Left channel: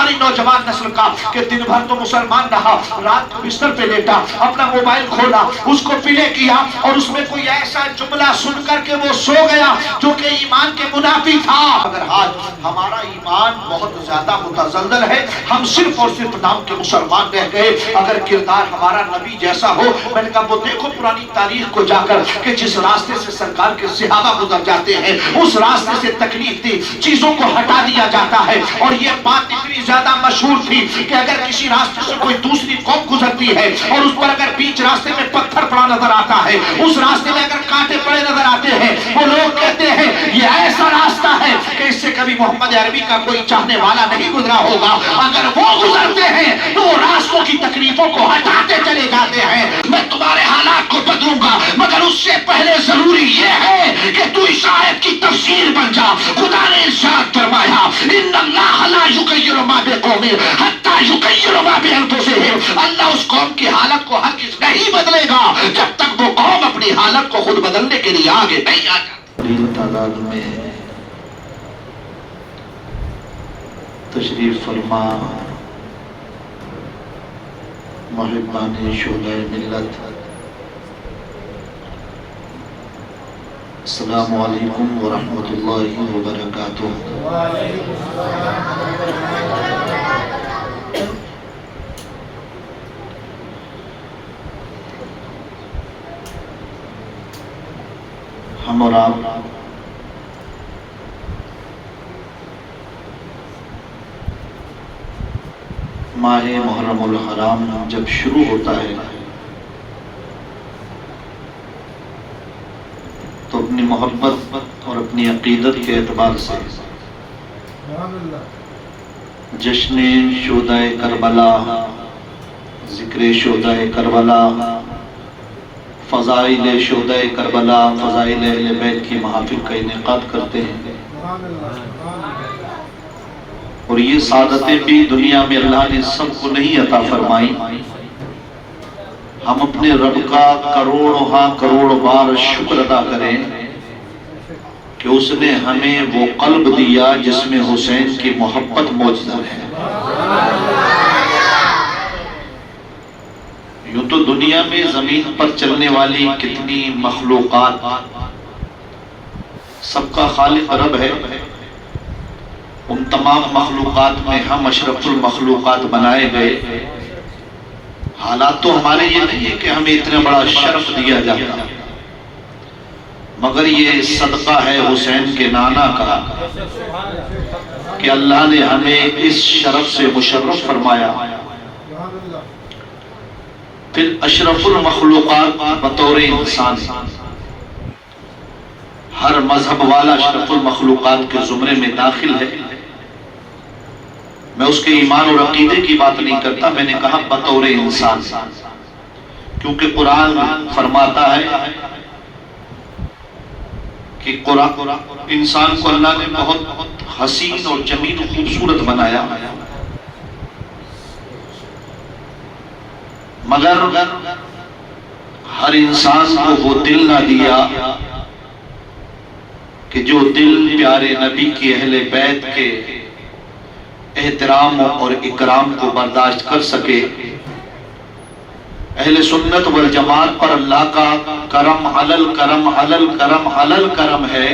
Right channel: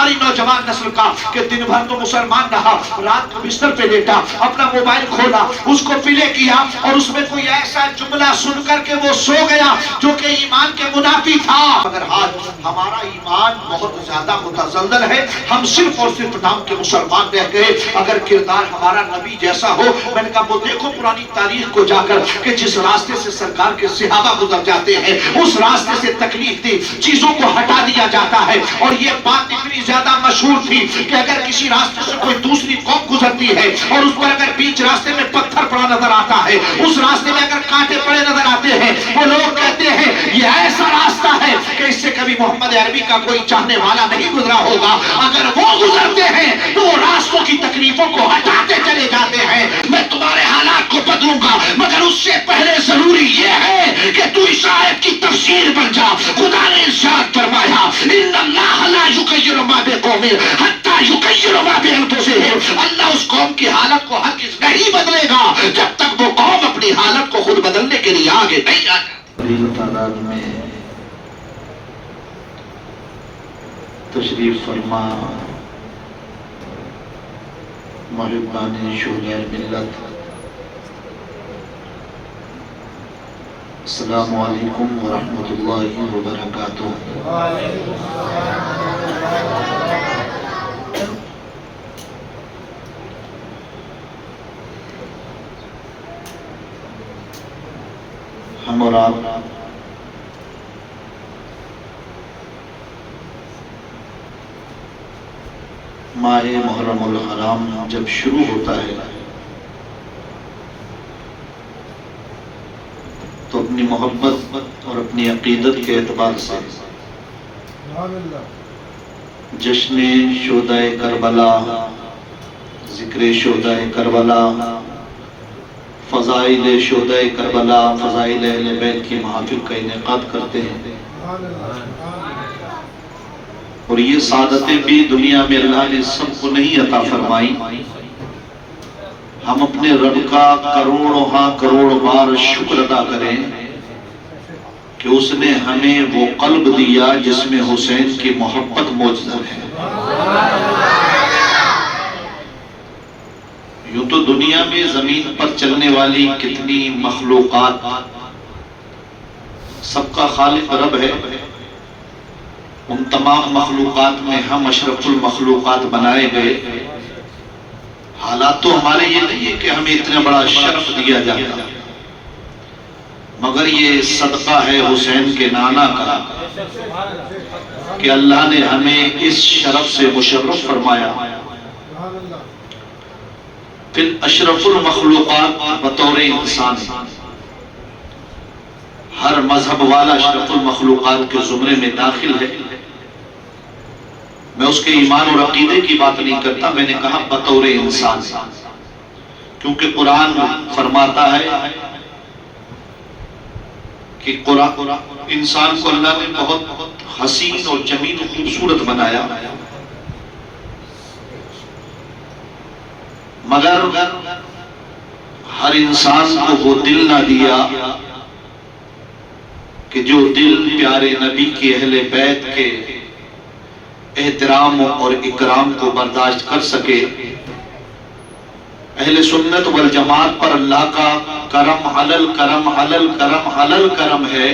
ہماری نوجوان نسل کا کہ دن بھر تو مسلمان رہا، رات کو بستر پہ لیٹا، اپنا موبائل کھولا، اس کو پلے کیا اور اس میں کوئی ایسا جملہ سن کر کے وہ سو گیا جو کہ ایمان کے منافی تھا۔ مگر آج ہمارا ایمان بہت زیادہ متزلزل ہے، ہم صرف اور صرف نام کے مسلمان رہ گئے۔ اگر کردار ہمارا نبی جیسا ہو، میں نے کہا وہ دیکھو پرانی تاریخ کو جا کر کہ جس راستے سے سرکار کے صحابہ گزر جاتے ہیں اس راستے سے تکلیف دی چیزوں کو ہٹا دیا جاتا ہے۔ اور یہ بات اتنی زیادہ مشہور تھی کہ اگر کسی راستے سے کوئی دوسری قوم گزرتی ہے اور اس پر اگر بیچ راستے میں پتھر پڑا نظر آتا ہے، اس راستے میں اگر کانٹے پڑے نظر آتے ہیں، وہ لوگ کہتے ہیں یہ ایسا راستہ ہے کہ اس سے کبھی محمد عربی کا کوئی چاہنے والا نہیں گزرا ہوگا۔ اگر وہ گزرتے ہیں تو وہ راستوں کی تکلیفوں کو ہٹاتے چلے جاتے ہیں۔ میں تمہارے حالات کو بدلوں گا، مگر اس سے پہلے ضروری یہ ہے کہ تو اس آیت کی تفسیر بن جا۔ خدا نے ارشاد فرمایا ان اللہ لا یغیر ما بقوم حتی یغیروا ما بانفسہم۔ اللہ اس قوم کی حالت کو ہرگز نہیں بدلے گا جب تک وہ قوم اپنی حالت کو خود بدلنے کے لیے آگے نہیں آ جائے۔ تعداد میں تشریف فرما محبان شہداء ملت، السلام علیکم ورحمۃ اللہ وبرکاتہ۔ ہم اور آپ ماہ محرم الحرام جب شروع ہوتا ہے تو اپنی محبت اور اپنی عقیدت کے اعتبار سے جشن شہداء کربلا، ذکر شہداء کربلا، فضائل شہداء کربلا، فضائل اہل بیت کی محافل کا انعقاد کرتے ہیں۔ اور یہ سعادتیں بھی دنیا میں اللہ نے سب کو نہیں عطا فرمائی۔ ہم اپنے رب کا کروڑ بار شکر ادا کریں کہ اس نے ہمیں وہ قلب دیا جس میں حسین کی محبت موجود ہے۔ یوں تو دنیا میں زمین پر چلنے والی کتنی مخلوقات، سب کا خالق رب ہے۔ ان تمام مخلوقات میں ہم اشرف المخلوقات بنائے گئے۔ حالات تو ہمارے یہ نہیں ہے کہ ہمیں اتنا بڑا شرف دیا جاتا، مگر یہ صدقہ ہے حسین کے نانا کا کہ اللہ نے ہمیں اس شرف سے مشرف فرمایا۔ پھر اشرف المخلوقات بطور انسان، ہر مذہب والا اشرف المخلوقات کے زمرے میں داخل ہے۔ میں اس کے ایمان اور عقیدے کی بات نہیں کرتا، میں نے کہا بطور انسان، کیونکہ قرآن فرماتا ہے کہ انسان کو اللہ نے بہت حسین اور جمیل و خوبصورت بنایا، مگر ہر انسان کو وہ دل نہ دیا کہ جو دل پیارے نبی کی اہل بیت کے احترام اور اکرام کو برداشت کر سکے۔ اہل سنت والجماعت پر اللہ کا کرم علل کرم علل کرم علل کرم ہے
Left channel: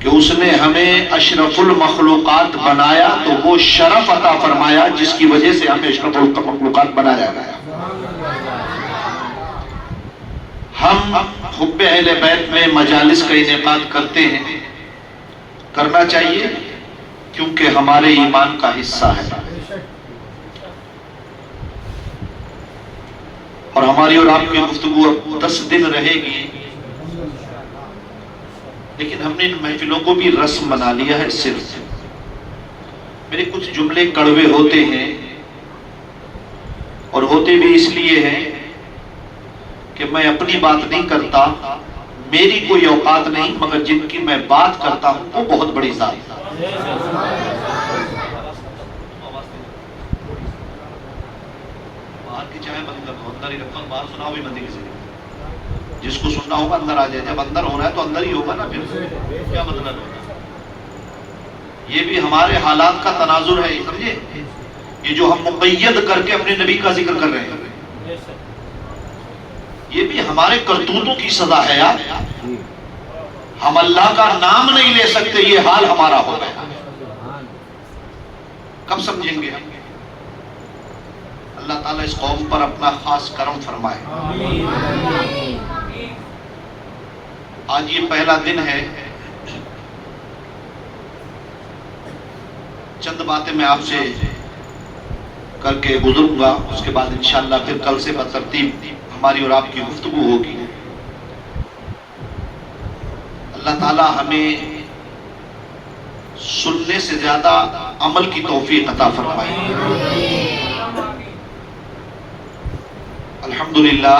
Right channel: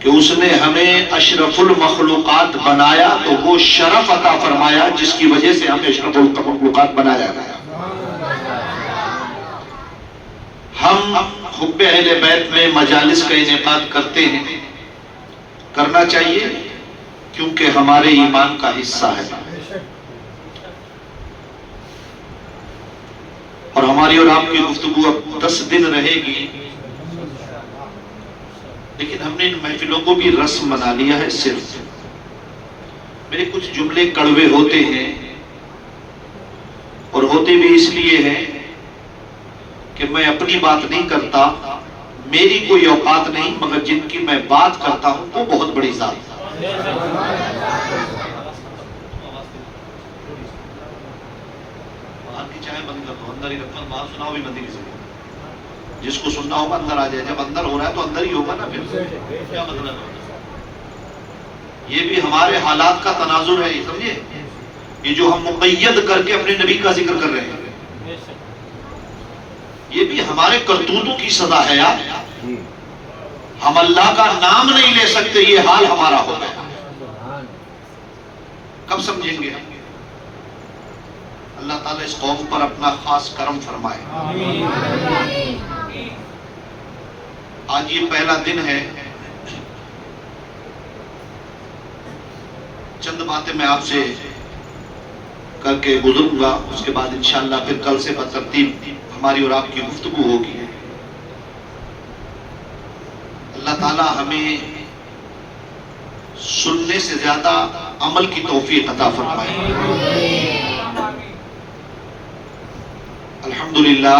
کہ اس نے ہمیں اشرف المخلوقات بنایا، تو وہ شرف عطا فرمایا جس کی وجہ سے ہمیں اشرف المخلوقات بنایا گیا۔ ہم حب اہل بیت میں مجالس کا انعقاد کرتے ہیں، کرنا چاہیے کیونکہ ہمارے ایمان کا حصہ ہے، اور ہماری اور آپ کی گفتگو اب 10 دن رہے گی، لیکن ہم نے ان محفلوں کو بھی رسم بنا لیا ہے۔ صرف میرے کچھ جملے کڑوے ہوتے ہیں، اور ہوتے بھی اس لیے ہیں کہ میں اپنی بات نہیں کرتا، میری کوئی اوقات نہیں، مگر جن کی میں بات کرتا ہوں وہ بہت بڑی ذات ہے۔ باہر کی چاہے بند کر دو، اندر ہی رکھو، باہر سناؤ بھی بندی کسی نے، جس کو سننا ہوگا اندر آ جائے، جب اندر ہو رہا ہے تو اندر ہی ہوگا نا، پھر کیا مطلب ہے؟ یہ بھی ہمارے حالات کا تناظر ہے، سمجھے؟ یہ جو ہم مقید کر کے اپنے نبی کا ذکر کر رہے ہیں، یہ بھی ہمارے کرتوتوں کی سزا ہے یار. ہم اللہ کا نام نہیں لے سکتے، یہ حال ہمارا ہو گیا. کب سمجھیں گے؟ اللہ تعالیٰ اس قوم پر اپنا خاص کرم فرمائے. آج یہ پہلا دن ہے. چند باتیں میں آپ سے کر کے گزروں گا، اس کے بعد انشاءاللہ پھر کل سے بترتیب ہماری اور آپ کی گفتگو ہوگی. اللہ تعالی ہمیں سننے سے زیادہ عمل کی توفیق عطا فرمائے. الحمدللہ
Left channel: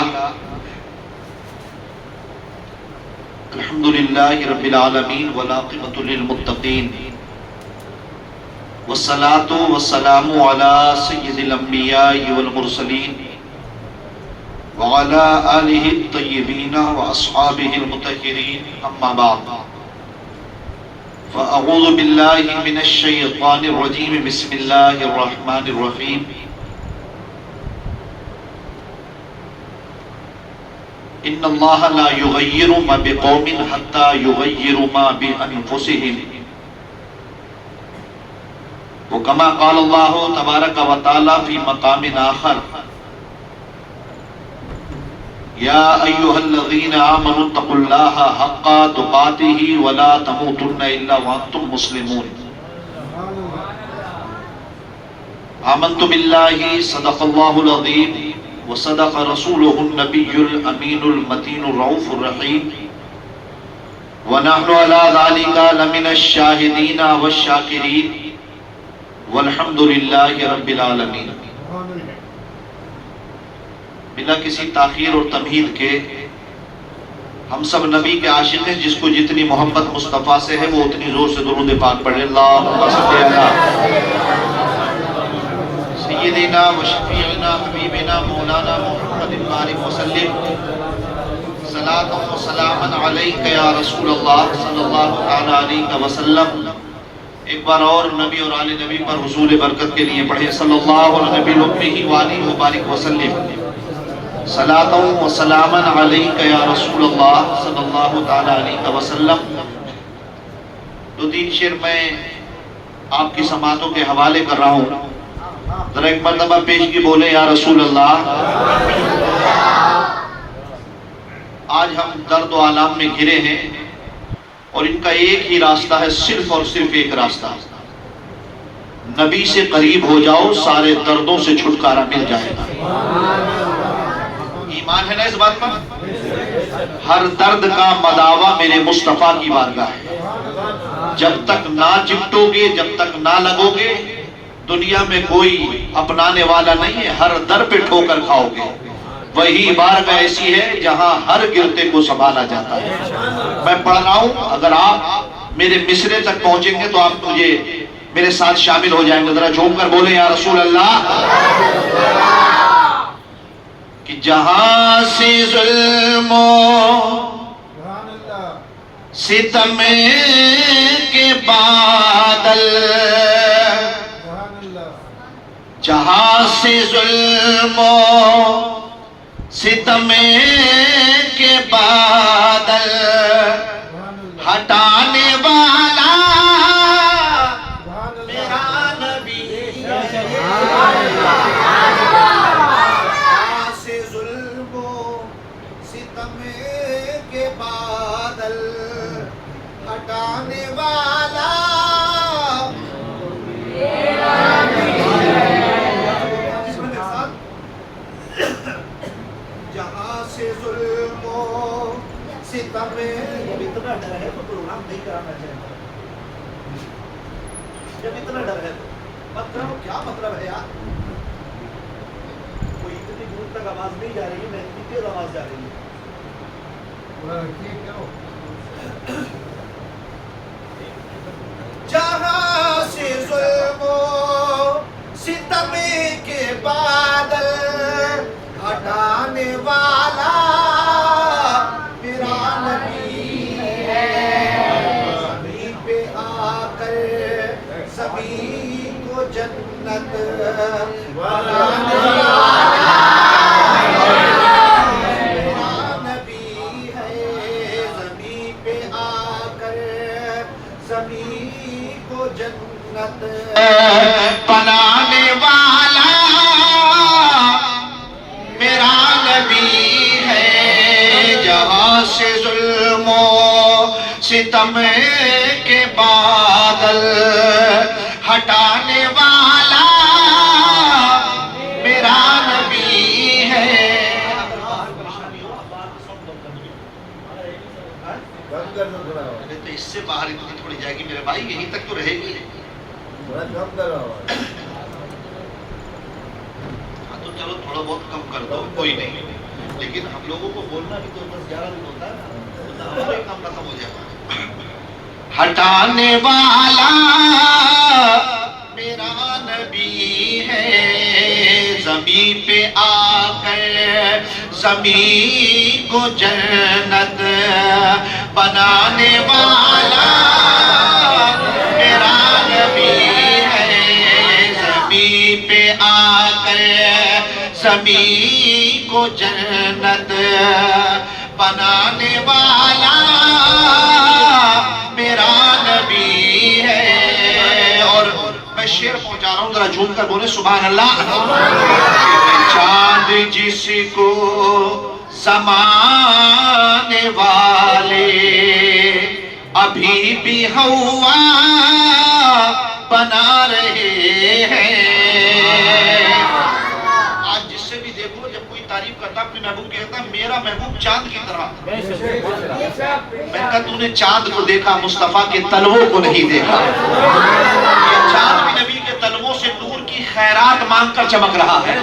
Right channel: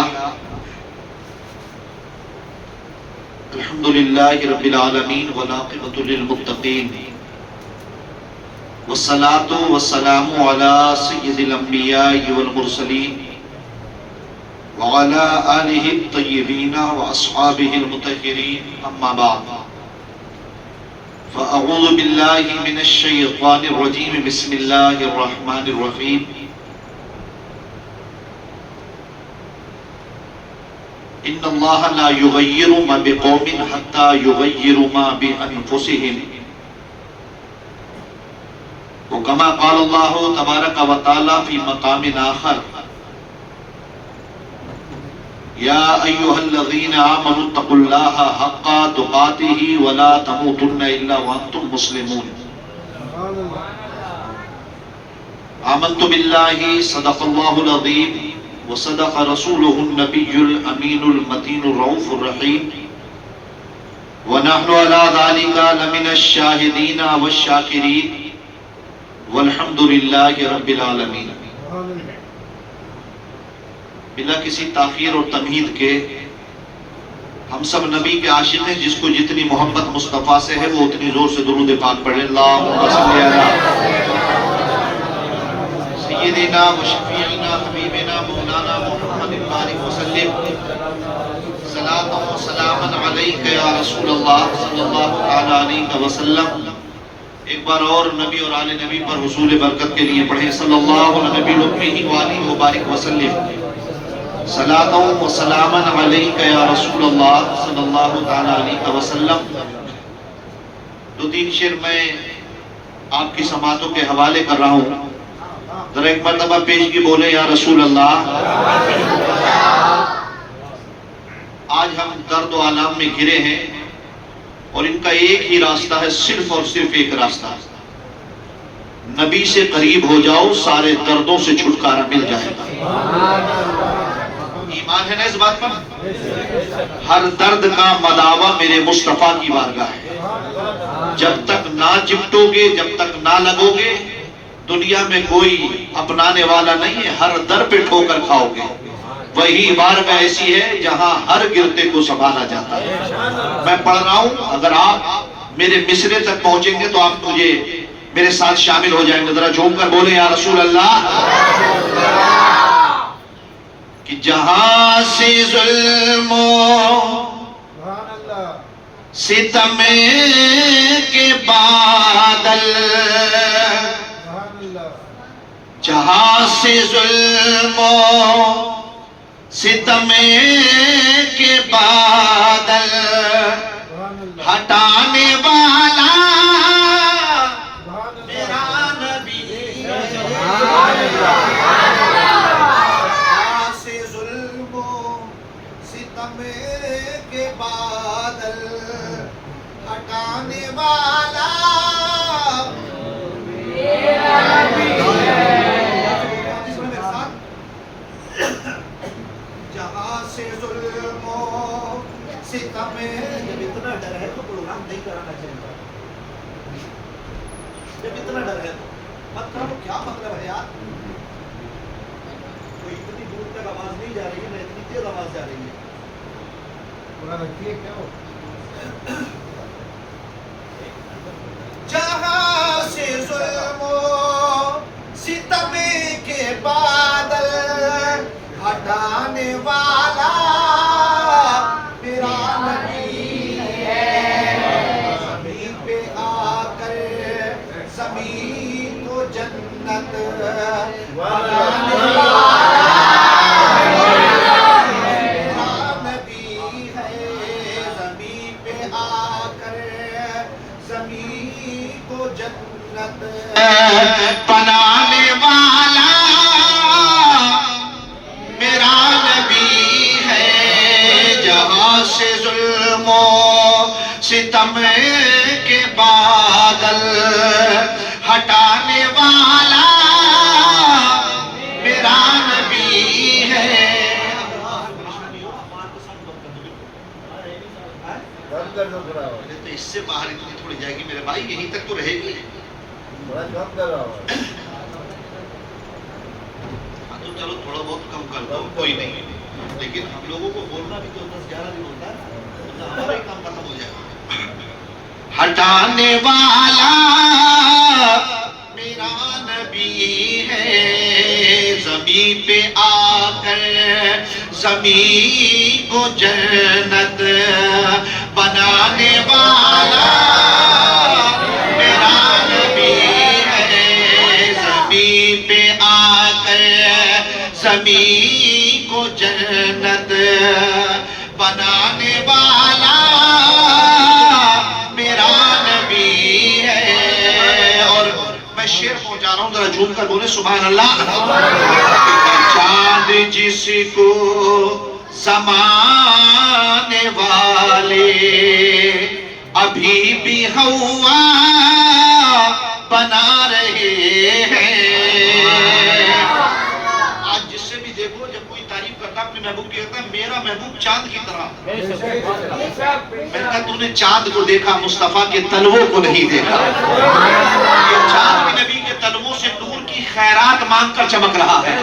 رب العالمین والعاقبۃ للمتقین والصلاة والسلام علی سید الانبیاء والمرسلین وعلى آلہ الطیبین واصحابہ المطہرین. اما بعد فاعوذ باللہ من الشیطان الرجیم. بسم اللہ الرحمن الرحیم. ان اللہ لا یغیر ما بقوم حتی یغیروا ما بانفسہم. وکما قال اللہ تبارک و تعالی فی مقام آخر یا ایھا الذین آمنوا اتقوا اللہ حق تقاتہ ولا تموتن الا وانتم مسلمون. آمنت باللہ صدق اللہ العظیم وصدق رسولہ النبی الامین المتین الرؤوف الرحیم ونحن علی ذلک لمن الشاہدین والشاکرین والحمدللہ رب العالمین. بلا کسی تاخیر اور تمہید کے ہم سب نبی کے عاشق ہیں. جس کو جتنی محبت مصطفیٰ سے ہے وہ اتنی زور سے درود پاک پڑھے. اللہم صلی علی سیدنا و شفیعنا حبیبنا مولانا محمد بارک وسلم. صلاۃ و سلاما علیک یا رسول اللہ صلی اللہ تعالی علیہ وسلم. ایک بار اور نبی اور آل نبی پر حصول برکت کے لیے پڑھیں. صلی اللہ علیہ نبی الامی وآلہ وبارک وسلم. صلاۃ و سلاما علیک یا رسول اللہ صلی اللہ تعالی علیہ وسلم. دو تین شعر میں آپ کی سماعتوں کے حوالے کر رہا ہوں. ذرا ایک مرتبہ پیشگی بولے یا رسول اللہ. آج ہم درد و آلام میں گھرے ہیں اور ان کا ایک ہی راستہ ہے، صرف اور صرف ایک راستہ. نبی سے قریب ہو جاؤ، سارے دردوں سے چھٹکارا مل جائے گا. ایمان ہے نا اس بات پر؟ ہر درد کا مداوا میرے مصطفیٰ کی بارگاہ ہے. جب تک نہ چپٹو گے، جب تک نہ لگو گے، دنیا میں کوئی اپنانے والا نہیں ہے. ہر در پہ ٹھوکر کھاؤ گے. وہی بارگاہ ایسی ہے جہاں ہر گرتے کو سنبھالا جاتا ہے. میں پڑھ رہا ہوں، اگر آپ میرے مصرے تک پہنچیں گے تو آپ مجھے میرے ساتھ شامل ہو جائیں گے. ذرا جھوم کر بولیں یا رسول اللہ. کہ جہاں سے ظلم و ستم کے بادل، جہاں سے ظلم و ستم کے بادل ہٹانے والا میرا نبی. جہاں سے ظلم و ستم کے بادل ہٹانے والا میرا نبی. جہاں سے ظلم و ستم. جب اتنا ڈر ہے تو پروگرام نہیں کرانا چاہیے. جب اتنا ڈر ہے تو مت کرو. کیا مطلب ہے یار؟ کوئی اتنی دور تک آواز نہیں جا رہی ہے، میں اتنی تیز آواز جا رہی ہے. جہاں سے ظلم و ستم کے بادل ہٹانے والا میرا نبی ہے. زمین پہ آ کر زمین کو جنت بنانے میرا نبی ہے زمین پہ آ کر زمین کو جنت بنانے والا میرا نبی ہے جہاں سے ظلم و ستم کے بادل ہٹانے والا میرا نبی ہے کم کر دو تھوڑا اس سے باہر اتنی تھوڑی جائے گی میرے بھائی، یہیں تک تو رہے گی. تھوڑا کم کر رہا ہوں ہاں تو چلو تھوڑا بہت کم کر دو، کوئی نہیں، لیکن ہم لوگوں کو بولنا بھی تو 10-11 دن ہوتا ہے نا، ہمارا ہی کام ختم ہو جائے گا. ہٹانے والا میرا نبی ہے زمین پہ آ کر زمین کو جنت بنانے والا میرا نبی ہے زمین پہ آ کر زمین کو جنت بنانے والا میرا نبی ہے. اور میں شعر پہنچا رہا ہوں، ذرا جھوم کر بولے سبحان اللہ. چاند جس کو زمانے والے ابھی بھی ہوا بنا رہے ہیں. آج جس سے بھی دیکھو جب کوئی تعریف کرتا اپنے محبوب کہتا ہے میرا محبوب چاند کی طرح. میں نے کہا تو نے چاند کو دیکھا مصطفیٰ کے تلووں کو نہیں دیکھا. یہ چاند بھی نبی کے تلووں سے نور کی خیرات مانگ کر چمک رہا ہے.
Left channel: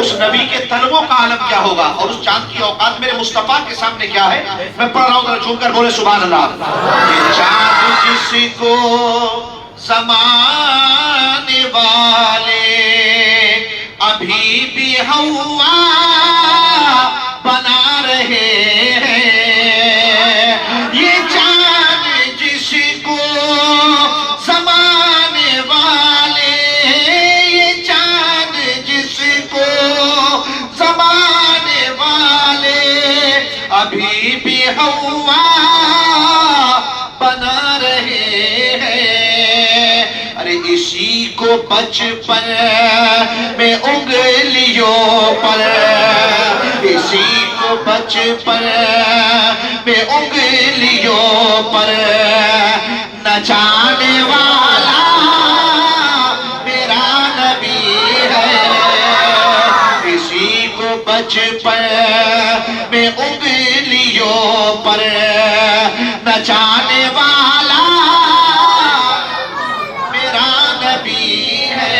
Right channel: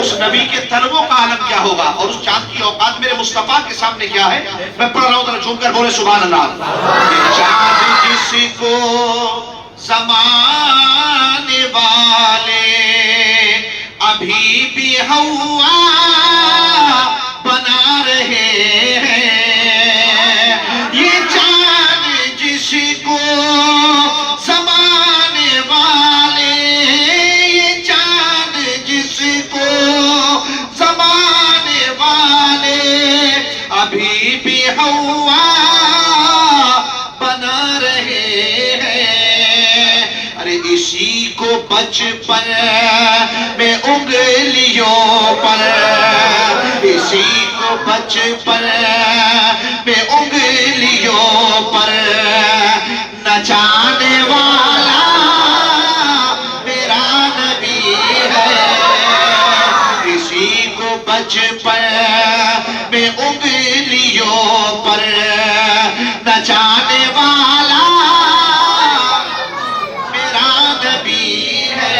اس نبی کے تلووں کا عالم کیا ہوگا اور اس چاند کی اوقات میرے مصطفیٰ کے سامنے کیا ہے. میں پڑھ رہا ہوں ذرا جھوم کر بولے سبحان اللہ. چاند جس کو زمانے والے ابھی بھی ہوا بنا رہے ہیں. یہ چاند جس کو زمانے والے یہ چاند جس کو زمانے والے ابھی بھی ہوا بنا رہے ہیں. ارے اسی کو بچپن میں انگلیوں پر اسی کو بچپن میں انگلیوں پر نچانے والا میرا نبی ہے. اسی کو بچپن میں انگلیوں پر نچانے والا میرا نبی ہے.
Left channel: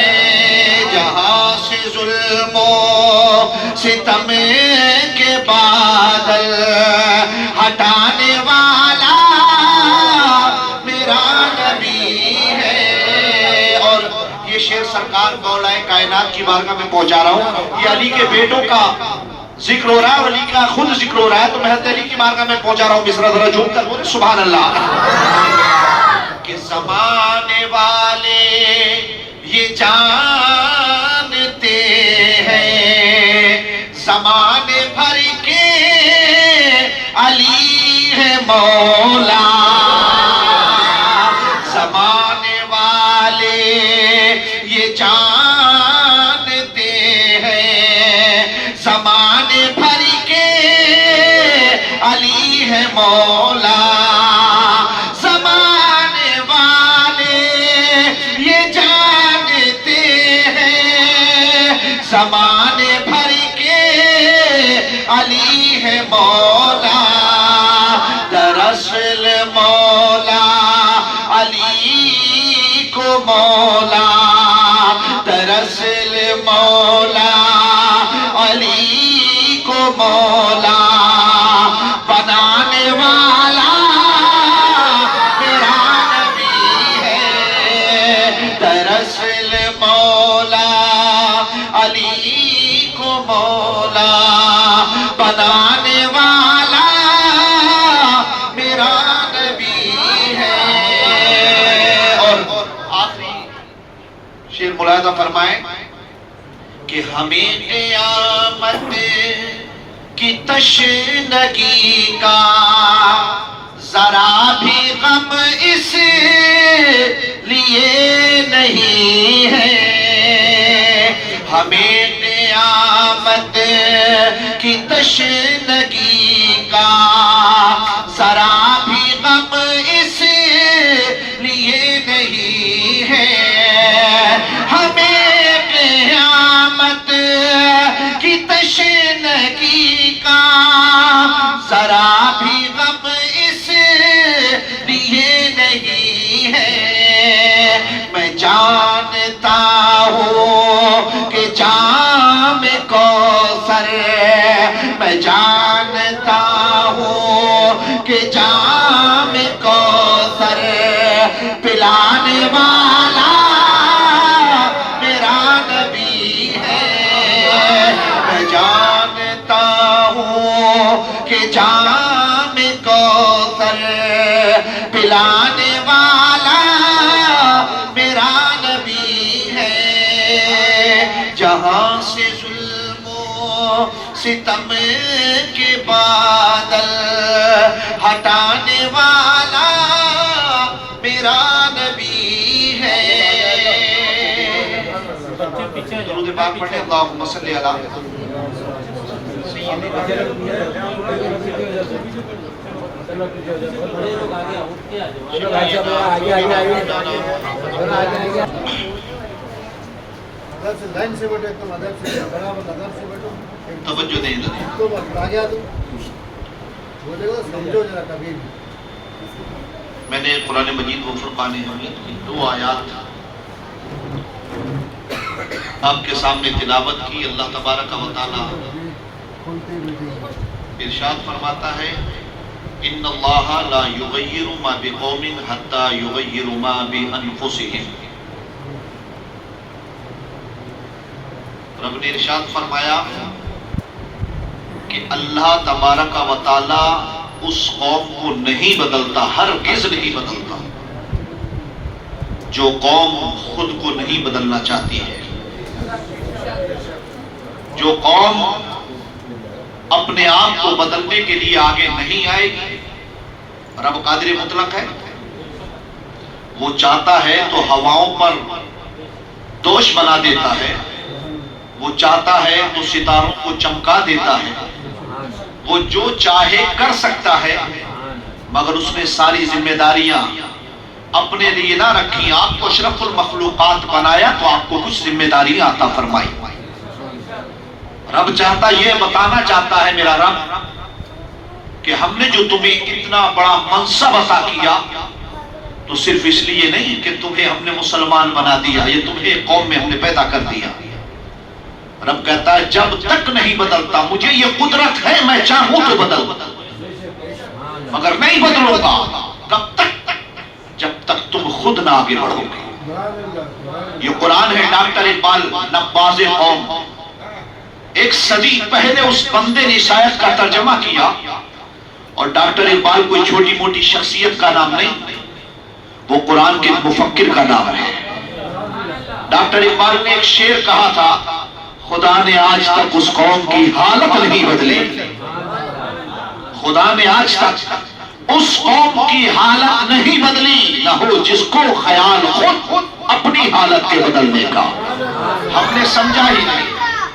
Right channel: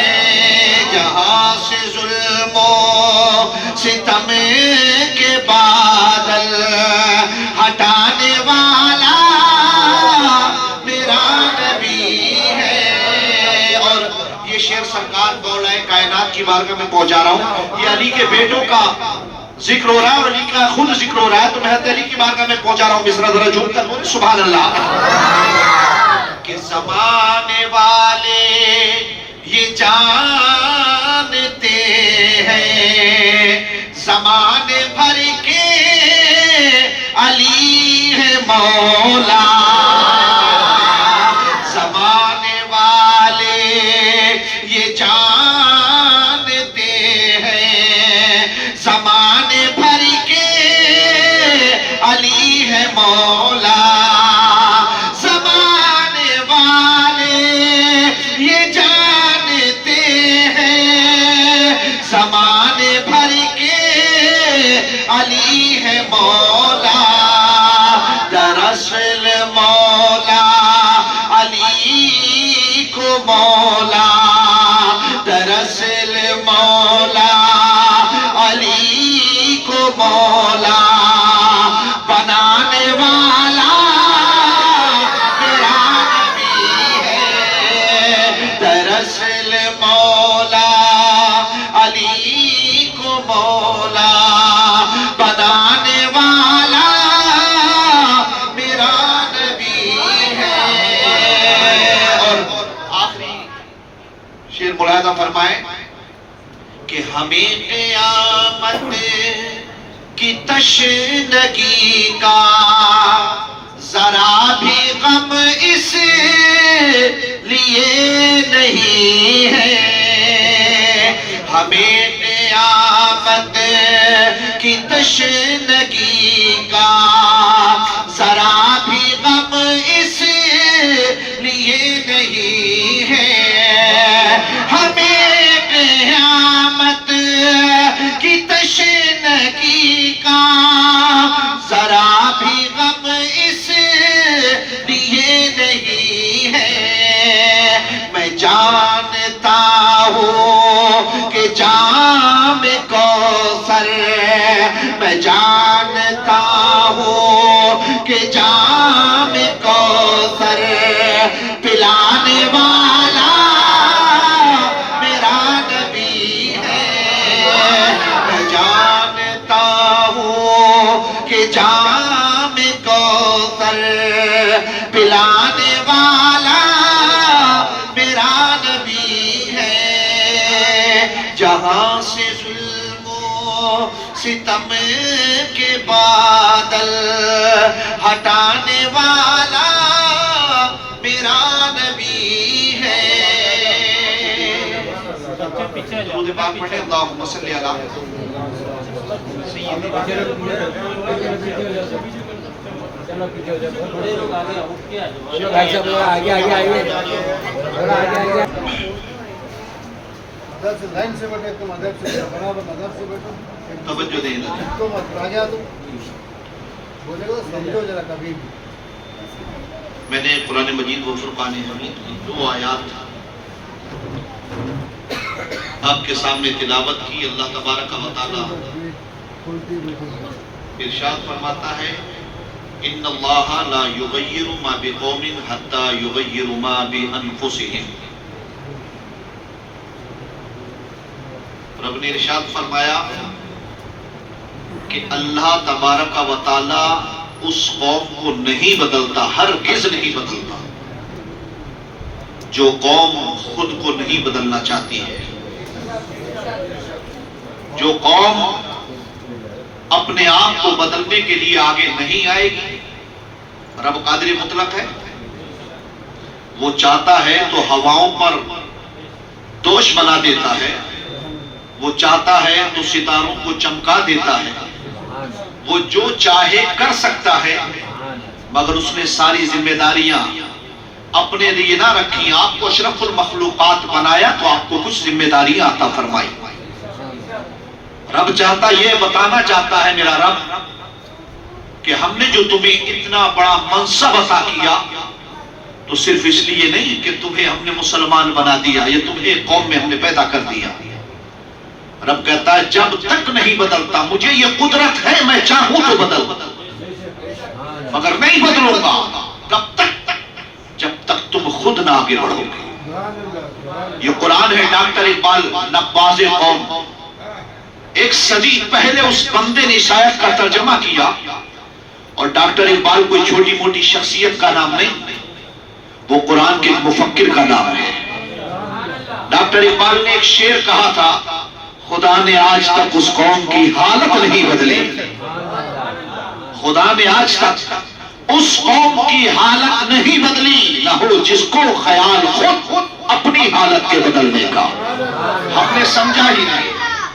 جہاں سے ظلم و ستم کے بادل ہٹانے والا میرا نبی ہے. اور یہ شعر سرکار مولا کائنات کی بارگاہ میں پہنچا رہا ہوں. یہ علی کے بیٹوں کا ذکر ہو رہا ہے اور علی کا خود ذکر ہو رہا ہے، تو میں حضرت علی کی بارگاہ میں پہنچا رہا ہوں. مصرع ذرا جھوم کر بولے سبحان اللہ. کہ زمانے والے یہ جانتے ہیں زمانے بھر کے علی ہے مولا. زمانے والے یہ جانتے ہیں زمانے بھر کے علی ہے مولا. زمانے والے یہ جانتے ہیں زمانے بھر کے علی ہے مولا. دراصل مولا علی کو مولا دراصل مولا علی کو مولا بنانے والا میرا نبی ہے. دراصل مولا علی کو مولا بنانے والا میرا نبی ہے. اور آخری شیر ملاحظہ فرمائیں کہ ہمیں قیامت کی تشنگی کا ذرا بھی غم اس لیے نہیں ہے، ہمیں قیامت کی تشنگی کا ذرا بھی غم اس لیے نہیں ہے، ہمیں قیامت کی تشنگی کا ذرا بھی غم اس لیے نہیں ہے، میں جانتا ہوں کہ جام کوثر، میں جانتا ہوں کہ جام کوثر پلانے والا میرا نبی ہے، میں جانتا ہوں کہ جام کوثر پلانے والا میرا نبی ہے، جہاں سے ظلم و ستم کے بادل ہٹانے والا میرا نبی ہے۔ درود پاک پڑھیں، اللہم صلی علی ادب سے لائن سے بیٹھو، تم ادب سے برابر ادب سے بیٹھو، توجہ دیں لگے۔ تم آگے آ دو، بولے گا سمجھو ذرا کبھی بھی۔ میں نے قرآن مجید و فرقان حمید کی 2 آیات آپ کے سامنے تلاوت کی۔ اللہ تبارک و تعالی ارشاد فرماتا ہے ان اللہ لا یغیر ما بقوم حتی یغیر ما بانفسهم۔ رب نے ارشاد فرمایا کہ اللہ تبارک و تعالی اس قوم کو نہیں بدلتا، ہرگز نہیں بدلتا جو قوم خود کو نہیں بدلنا چاہتی ہے، جو قوم اپنے آپ کو بدلنے کے لیے آگے نہیں آئے گی۔ رب قادر مطلق ہے، وہ چاہتا ہے تو ہواؤں پر دوش بنا دیتا ہے، وہ چاہتا ہے تو ستاروں کو چمکا دیتا ہے، وہ جو چاہے کر سکتا ہے، مگر اس نے ساری ذمہ داریاں اپنے لیے نہ رکھی۔ آپ کو اشرف المخلوقات بنایا تو آپ کو کچھ ذمہ داریاں عطا فرمائی۔ رب چاہتا، یہ بتانا چاہتا ہے میرا رب کہ ہم نے جو تمہیں اتنا بڑا منصب عطا کیا تو صرف اس لیے نہیں کہ تمہیں ہم نے مسلمان بنا دیا، یہ تمہیں قوم میں ہم نے پیدا کر دیا۔ رب کہتا ہے جب تک نہیں بدلتا، مجھے یہ قدرت ہے میں چاہوں تو بدل، مگر نہیں بدلوں گا کب تک؟ جب تک تم خود نہ آگے بڑھو گے۔ یہ قرآن ہے ڈاکٹر اقبال نباز قوم، 1 صدی پہلے اس بندے نے اس آیت کا ترجمہ کیا، اور ڈاکٹر اقبال کوئی چھوٹی موٹی شخصیت کا نام نہیں، وہ قرآن کے مفکر کا نام ہے۔ ڈاکٹر اقبال نے ایک شعر کہا تھا، خدا نے آج تک اس قوم کی حالت نہیں بدلی، خدا نے آج تک اس قوم کی حالت نہیں بدلی، نہ ہو جس کو خیال خود اپنی حالت کے بدلنے کا۔ ہم نے سمجھا ہی نہیں،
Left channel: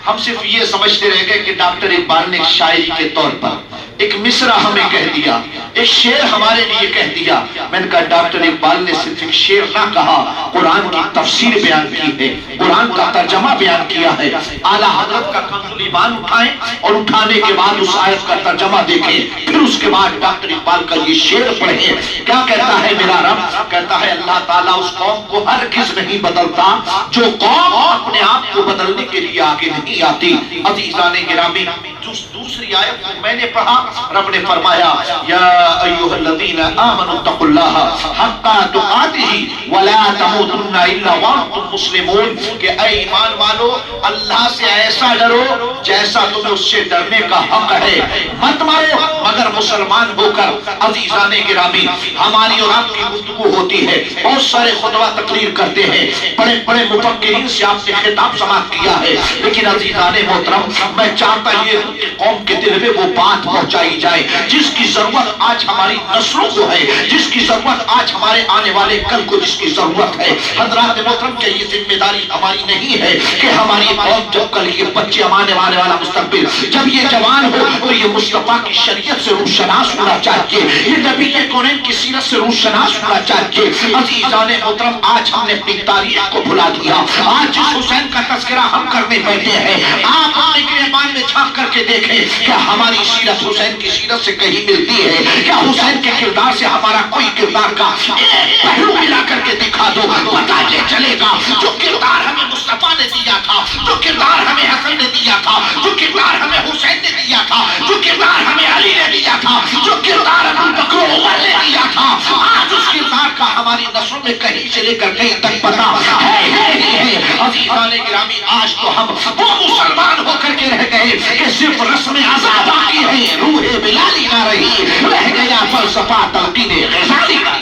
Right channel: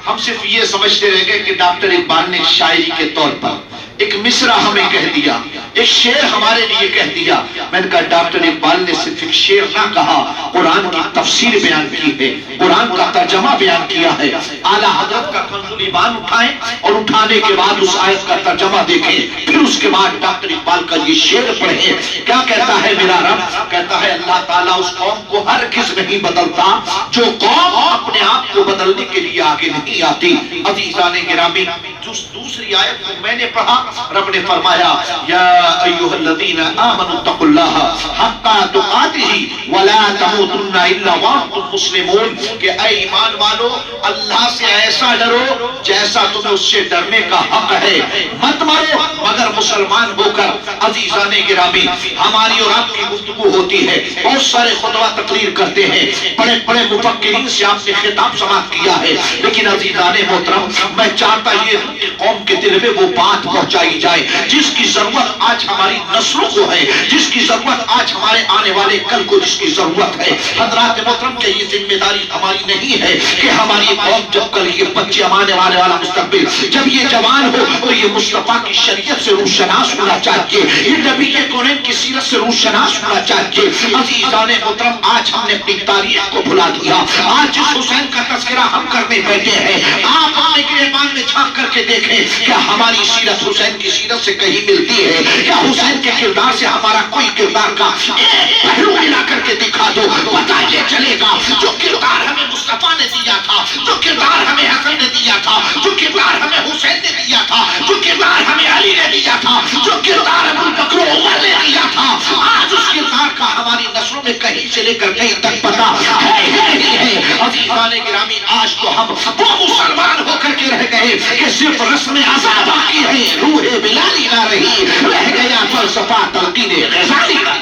ہم صرف یہ سمجھتے رہ گئے کہ ڈاکٹر اقبال نے شاعری کے طور پر ایک مصرع ہمیں کہہ دیا، ایک شعر ہمارے لیے کہہ دیا۔ میں نے کہا ڈاکٹر اقبال نے صرف ایک شعر نہ کہا، قرآن کی تفسیر بیان کی ہے، قرآن کا ترجمہ بیان کیا ہے۔ اعلیٰ حضرت کا کنز ایمان اٹھائیں اور اٹھانے کے بعد اس آیت کا ترجمہ دیکھیں، پھر اس کے بعد ڈاکٹر اقبال کا یہ شعر پڑھیں۔ کیا کہتا ہے میرا رب؟ کہتا ہے اللہ تعالیٰ اس قوم کو ہرگز نہیں بدلتا جو قوم اپنے آپ کو بدلنے کے لیے آگے نہیں آتی۔ عزیزان گرامی، دوسری دوسری آیت کو میں نے پڑھا، رب نے فرمایا یا ایھا الذین آمنوا اتقوا اللہ حق تقاتہ ولا تموتن الا وانتم مسلمون، کہ اے ایمان والو اللہ سے ایسا ڈرو جیسا تمہیں اس سے ڈرنے کا حق ہے، مت مرو مگر مسلمان ہو کر۔ عزیزان گرامی، ہماری اور آپ کی گفتگو ہوتی ہے، بہت سارے خطبہ تقریر کرتے ہیں، بڑے بڑے مفکرین سے آپ نے خطاب سماعت کیا ہے، لیکن عزیزان محترم میں چاہتا یہ ہوں کہ قوم کے دل میں وہ بات پہنچائی جائے جس کی ضرورت آج ہماری نسلوں کو ہے، جس کی ضرورت آج ہمارے آنے والے کل کو جس کی ضرورت ہے۔ حضرات محترم کہ یہ ذمہ داری ہماری نہیں ہے کہ ہماری قوم جب کل یہ بچے آنے والا مستقبل جب یہ جوان ہو تو یہ مصطفیٰ کی شریعت سے روشناس ہونا چاہیے، یہ نبی کے کونین کی سیرت سے روشناس ہونا چاہیے۔ عزیزان محترم آج ہم نے اپنی تاریخ کو بھلا دیا، آج جس حسین کا تذکرہ ہم کرنے بیٹھے ہیں آپ اپنے گریبان میں جھانک کر کے دیکھیں کیا ہماری سیرت حسین کی سیرت سے کہیں ملتی ہے؟ کیا حسین کے کردار سے ہمارا کوئی کردار کا ایک پہلو ملا کر کے دکھا دو، پتہ یہ چلے گا جو کردار ہمیں مصطفیٰ نے دیا تھا، جو کردار ہمیں حسن نے دیا تھا، جو کردار ہمیں حسین نے دیا تھا، جو کردار ہمیں علی نے دیا تھا، جو کردار ابو بکر و عمر نے دیا تھا، آج اس کردار کا ہماری نسلوں میں کہیں سے لے کر کہیں تک پتہ ہے۔ عزیزان گرامی آج تو ہم وہ مسلمان ہو کر کے رہ گئے کہ صرف رسم ازا باقی ہے، روح بلالی نہ رہی، رہ گیا فلسفہ تلقین غزالی کا۔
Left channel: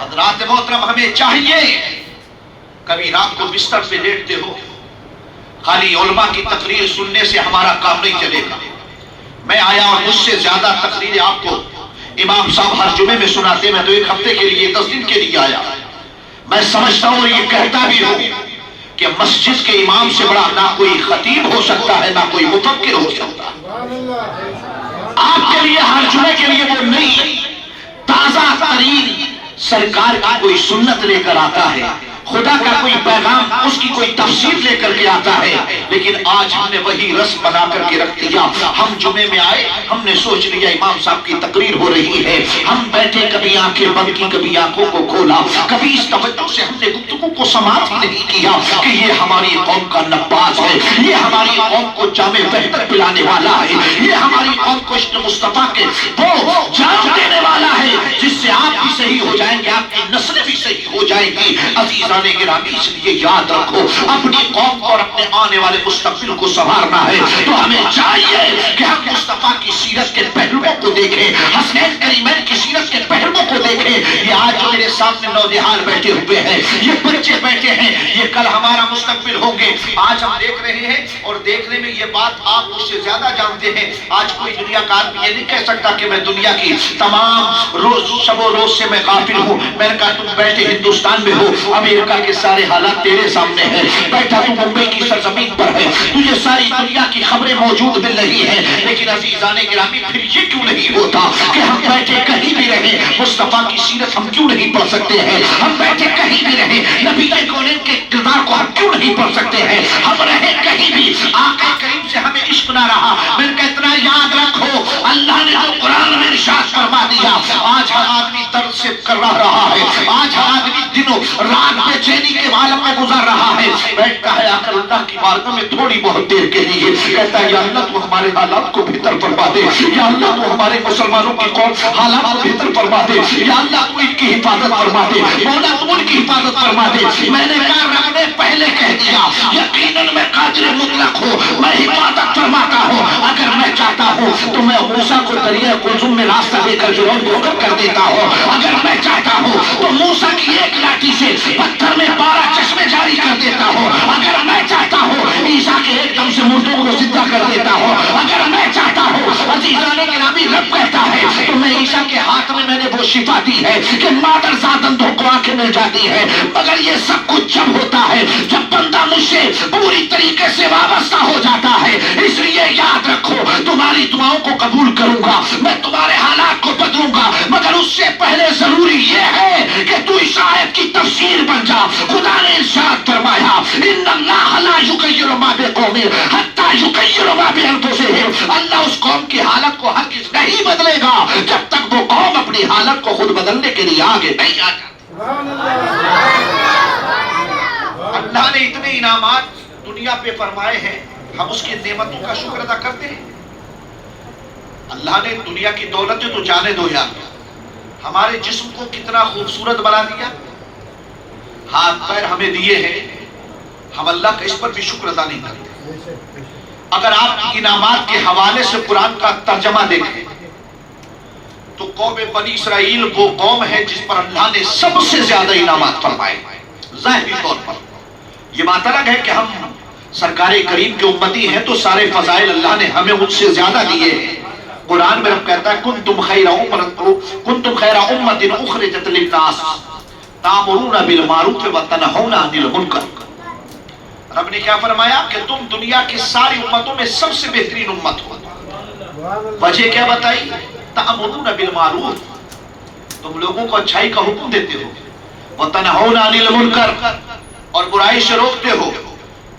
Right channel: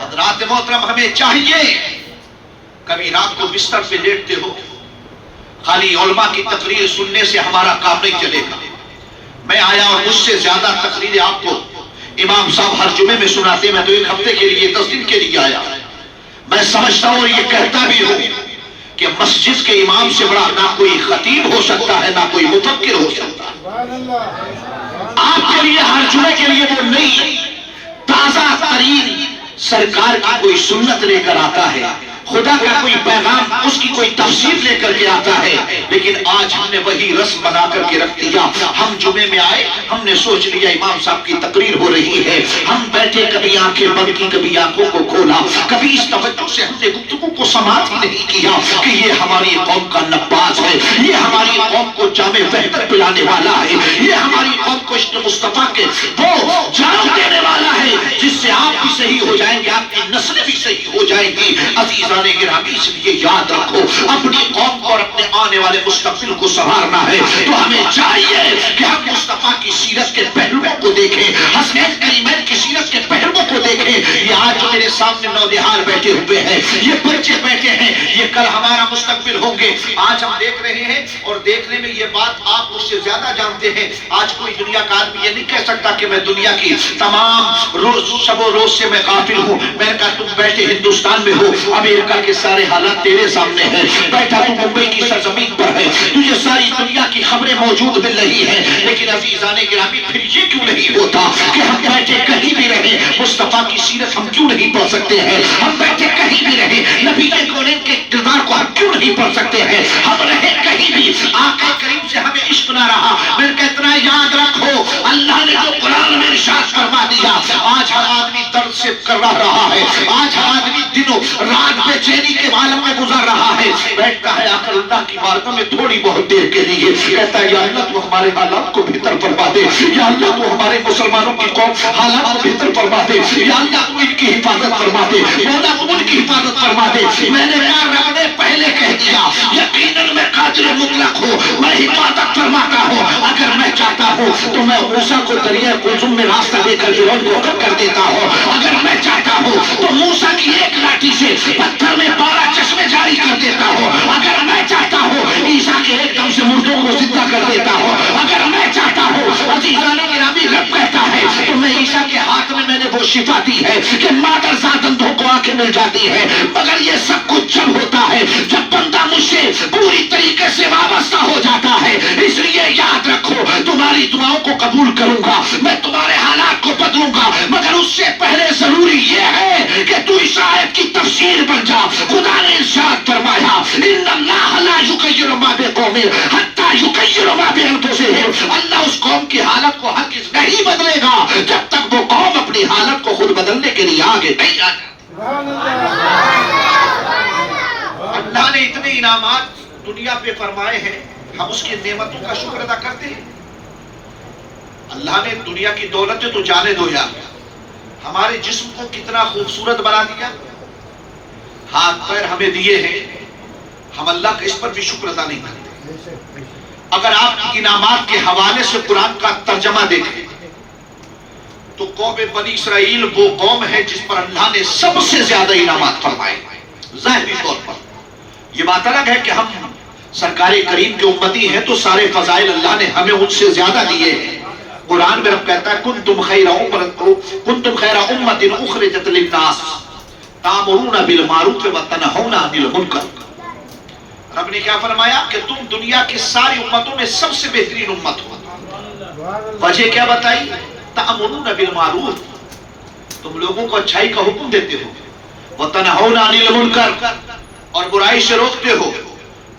حضرات محترم ہمیں چاہیے کبھی رات کو بستر پہ لیٹتے ہو خالی علماء کی تقریر سننے سے ہمارا کام نہیں چلے گا۔ میں آیا اور مجھ سے زیادہ تقریریں آپ کو امام صاحب ہر جمعے میں سناتے، میں تو ایک ہفتے کے لیے 10 دن کے لیے آیا۔ میں سمجھتا ہوں اور یہ کہتا بھی ہوں کہ مسجد کے امام سے بڑا نہ کوئی خطیب ہو سکتا ہے، نہ کوئی مفکر ہو سکتا ہے۔ آپ کے لیے ہر جمعے کے لیے وہ نئی تازہ ترین سرکار کی کوئی سنت لے کر آتا ہے، خدا کا کوئی پیغام، اس کی کوئی تفسیر لے کر کے آتا ہے، لیکن آج ہم نے وہی رسم بنا کر کے رکھ دیا۔ ہم جمعے میں آئے، ہم نے سوچ لیا امام صاحب کی تقریر ہو رہی ہے، ہم بیٹھے کبھی آنکھیں بند کی کبھی آنکھوں کو کھولا، کبھی اس توجہ سے ہم نے گفتگو کو سماعت ہی نہیں کیا کہ یہ ہماری قوم کا نباز ہے، یہ ہماری قوم کو جام وحدت پلانے والا ہے، یہ ہماری قوم کو عشق مصطفیٰ کے وہ جام دینے والا ہے جس سے آپ بھی صحیح ہو جائیں گے، آپ کی نسلیں بھی صحیح ہو جائیں گی۔ عزیزان گرامی اس لیے یاد رکھو اپنی قوم کو اور اپنے آنے والے مستقبل کو سنوارنا ہے تو ہمیں چاہیے کہ ہم مصطفیٰ کی سیرت کے پہلوؤں کو دیکھیں، حسنین کریمین کی سیرت کے پہلوؤں کو دیکھیں۔ یہ آج جو میرے سامنے نونہال بیٹھے ہوئے ہیں، یہ بچے بیٹھے ہیں، یہ کل ہمارا مستقبل ہوں گے۔ آج ہم دیکھ رہے ہیں اور دیکھنے میں یہ بات آپ مجھ سے زیادہ جانتے ہیں، آج کوئی دنیا کا آدمی یہ نہیں کہہ سکتا کہ میں دنیا کی تمام روز شب و روز سے میں غافل ہوں۔ میں نے کہا تم بیٹھے ہندوستان میں ہو، امریکہ کے سارے حالات تیرے سامنے ہیں، بیٹھا تو ممبئی کی سرزمین پر ہے، تجھے ساری دنیا کی خبریں موجود مل رہی ہیں، لیکن عزیزان گرامی پھر یہ کیوں نہیں ہوتا کہ ہم بیٹھے کہیں بھی رہیں مصطفیٰ کی سیرت ہم کیوں نہیں پڑھ سکتے ہیں؟ ہم بیٹھے کہیں بھی رہیں نبی کے کونین کے کردار کو ہم کیوں نہیں پڑھ سکتے ہیں؟ ہم رہیں کہیں بھی آقا کریم سے ہمیں عشق نہ رہا، میں نے کہا اتنا یاد رکھو اللہ نے جو قرآن میں ارشاد فرما دیا، آج ہر آدمی درد سے کر رہا ہے، آج ہر آدمی دنوں رات بے چینی کے عالم میں گزر رہا ہے، بیٹھتا ہے آ کر اللہ کی بارگاہ میں تھوڑی بہت دیر کے لیے کہتا ہے یا اللہ تو ہمارے حالات کو بہتر فرما دے، یا اللہ تو ہمارے مسلمانوں کی قوم حالات کو بہتر فرما دے، یا اللہ تو ان کی حفاظت فرما دے، مولا تو ان کی حفاظت فرما دے۔ میں نے کہا رب نے پہلے کہہ دیا یقیناً میں قادر مطلق ہوں، میں حفاظت فرماتا ہوں، اگر میں چاہتا ہوں تو میں موسیٰ کو دریا کلثوم میں راستہ دے کر فرعون کو ختم کر دیتا ہوں، اگر میں چاہتا ہوں تو موسیٰ کی ایک لاٹھی سے پتھر میں 12 چشمے جاری کر دیتا ہوں، اگر میں چاہتا ہوں عیسیٰ کے ایک دم سے مردوں کو زندہ کر دیتا ہوں، اگر میں چاہتا ہوں عزیزان گرامی رب کہتا ہے تو میں عیسیٰ کے ہاتھ میں نے وہ شفا دی ہے کہ مادر زاد اندھوں کو آنکھیں مل جاتی ہے، مگر یہ سب کچھ جب ہوتا ہے جب بندہ مجھ سے پوری طریقے سے وابستہ ہو جاتا ہے۔ اس لیے یاد رکھو تمہاری دعاؤں کو قبول کروں گا، میں تمہارے حالات کو بدلوں گا، مگر اس سے پہلے ضروری یہ ہے کہ تو اس آیت کی تفسیر بن جا۔ خدا نے ارشاد فرمایا ان اللہ لا یغیر ما بقوم حتی یغیر ما بانفسہم، اللہ اس قوم کی حالت کو ہرگز نہیں بدلے گا جب تک وہ قوم اپنی حالت کو خود بدلنے کے لیے آگے نہیں آ جائے۔ اللہ نے اتنے انعامات دنیا پہ فرمائے ہیں، ہم اس کی نعمتوں کا شکر ادا کرتے ہیں؟ اللہ نے دنیا کی دولتیں تو جانے دو یار، ہمارے جسم کو کتنا خوبصورت بنا دیا، ہاتھ پیر ہمیں دیے ہیں، ہم اللہ کا اس پر بھی شکر ادا نہیں کرتے۔ اگر آپ انعامات کے حوالے سے قرآن کا ترجمہ دیکھیں تو قوم بنی اسرائیل وہ قوم ہے جس پر اللہ نے سب سے زیادہ انعامات فرمائے ظاہری طور پر۔ یہ بات الگ ہے کہ ہم سرکار کریم کے امتی ہیں تو سارے فضائل اللہ نے ہمیں ان سے زیادہ دیے ہیں۔ قرآن میں رب کہتا ہے کنتم خیر امۃ اخرجت للناس تأمرون بالمعروف وتنہون عن المنکر۔ رب نے کیا فرمایا کہ تم دنیا کی ساری امتوں میں سب سے بہترین امت ہو۔ وجہ کیا بتائی؟ تأمرون بالمعروف، تم لوگوں کو اچھائی کا حکم دیتے ہو، وتنہون عن المنکر، اور برائی سے روکتے ہو۔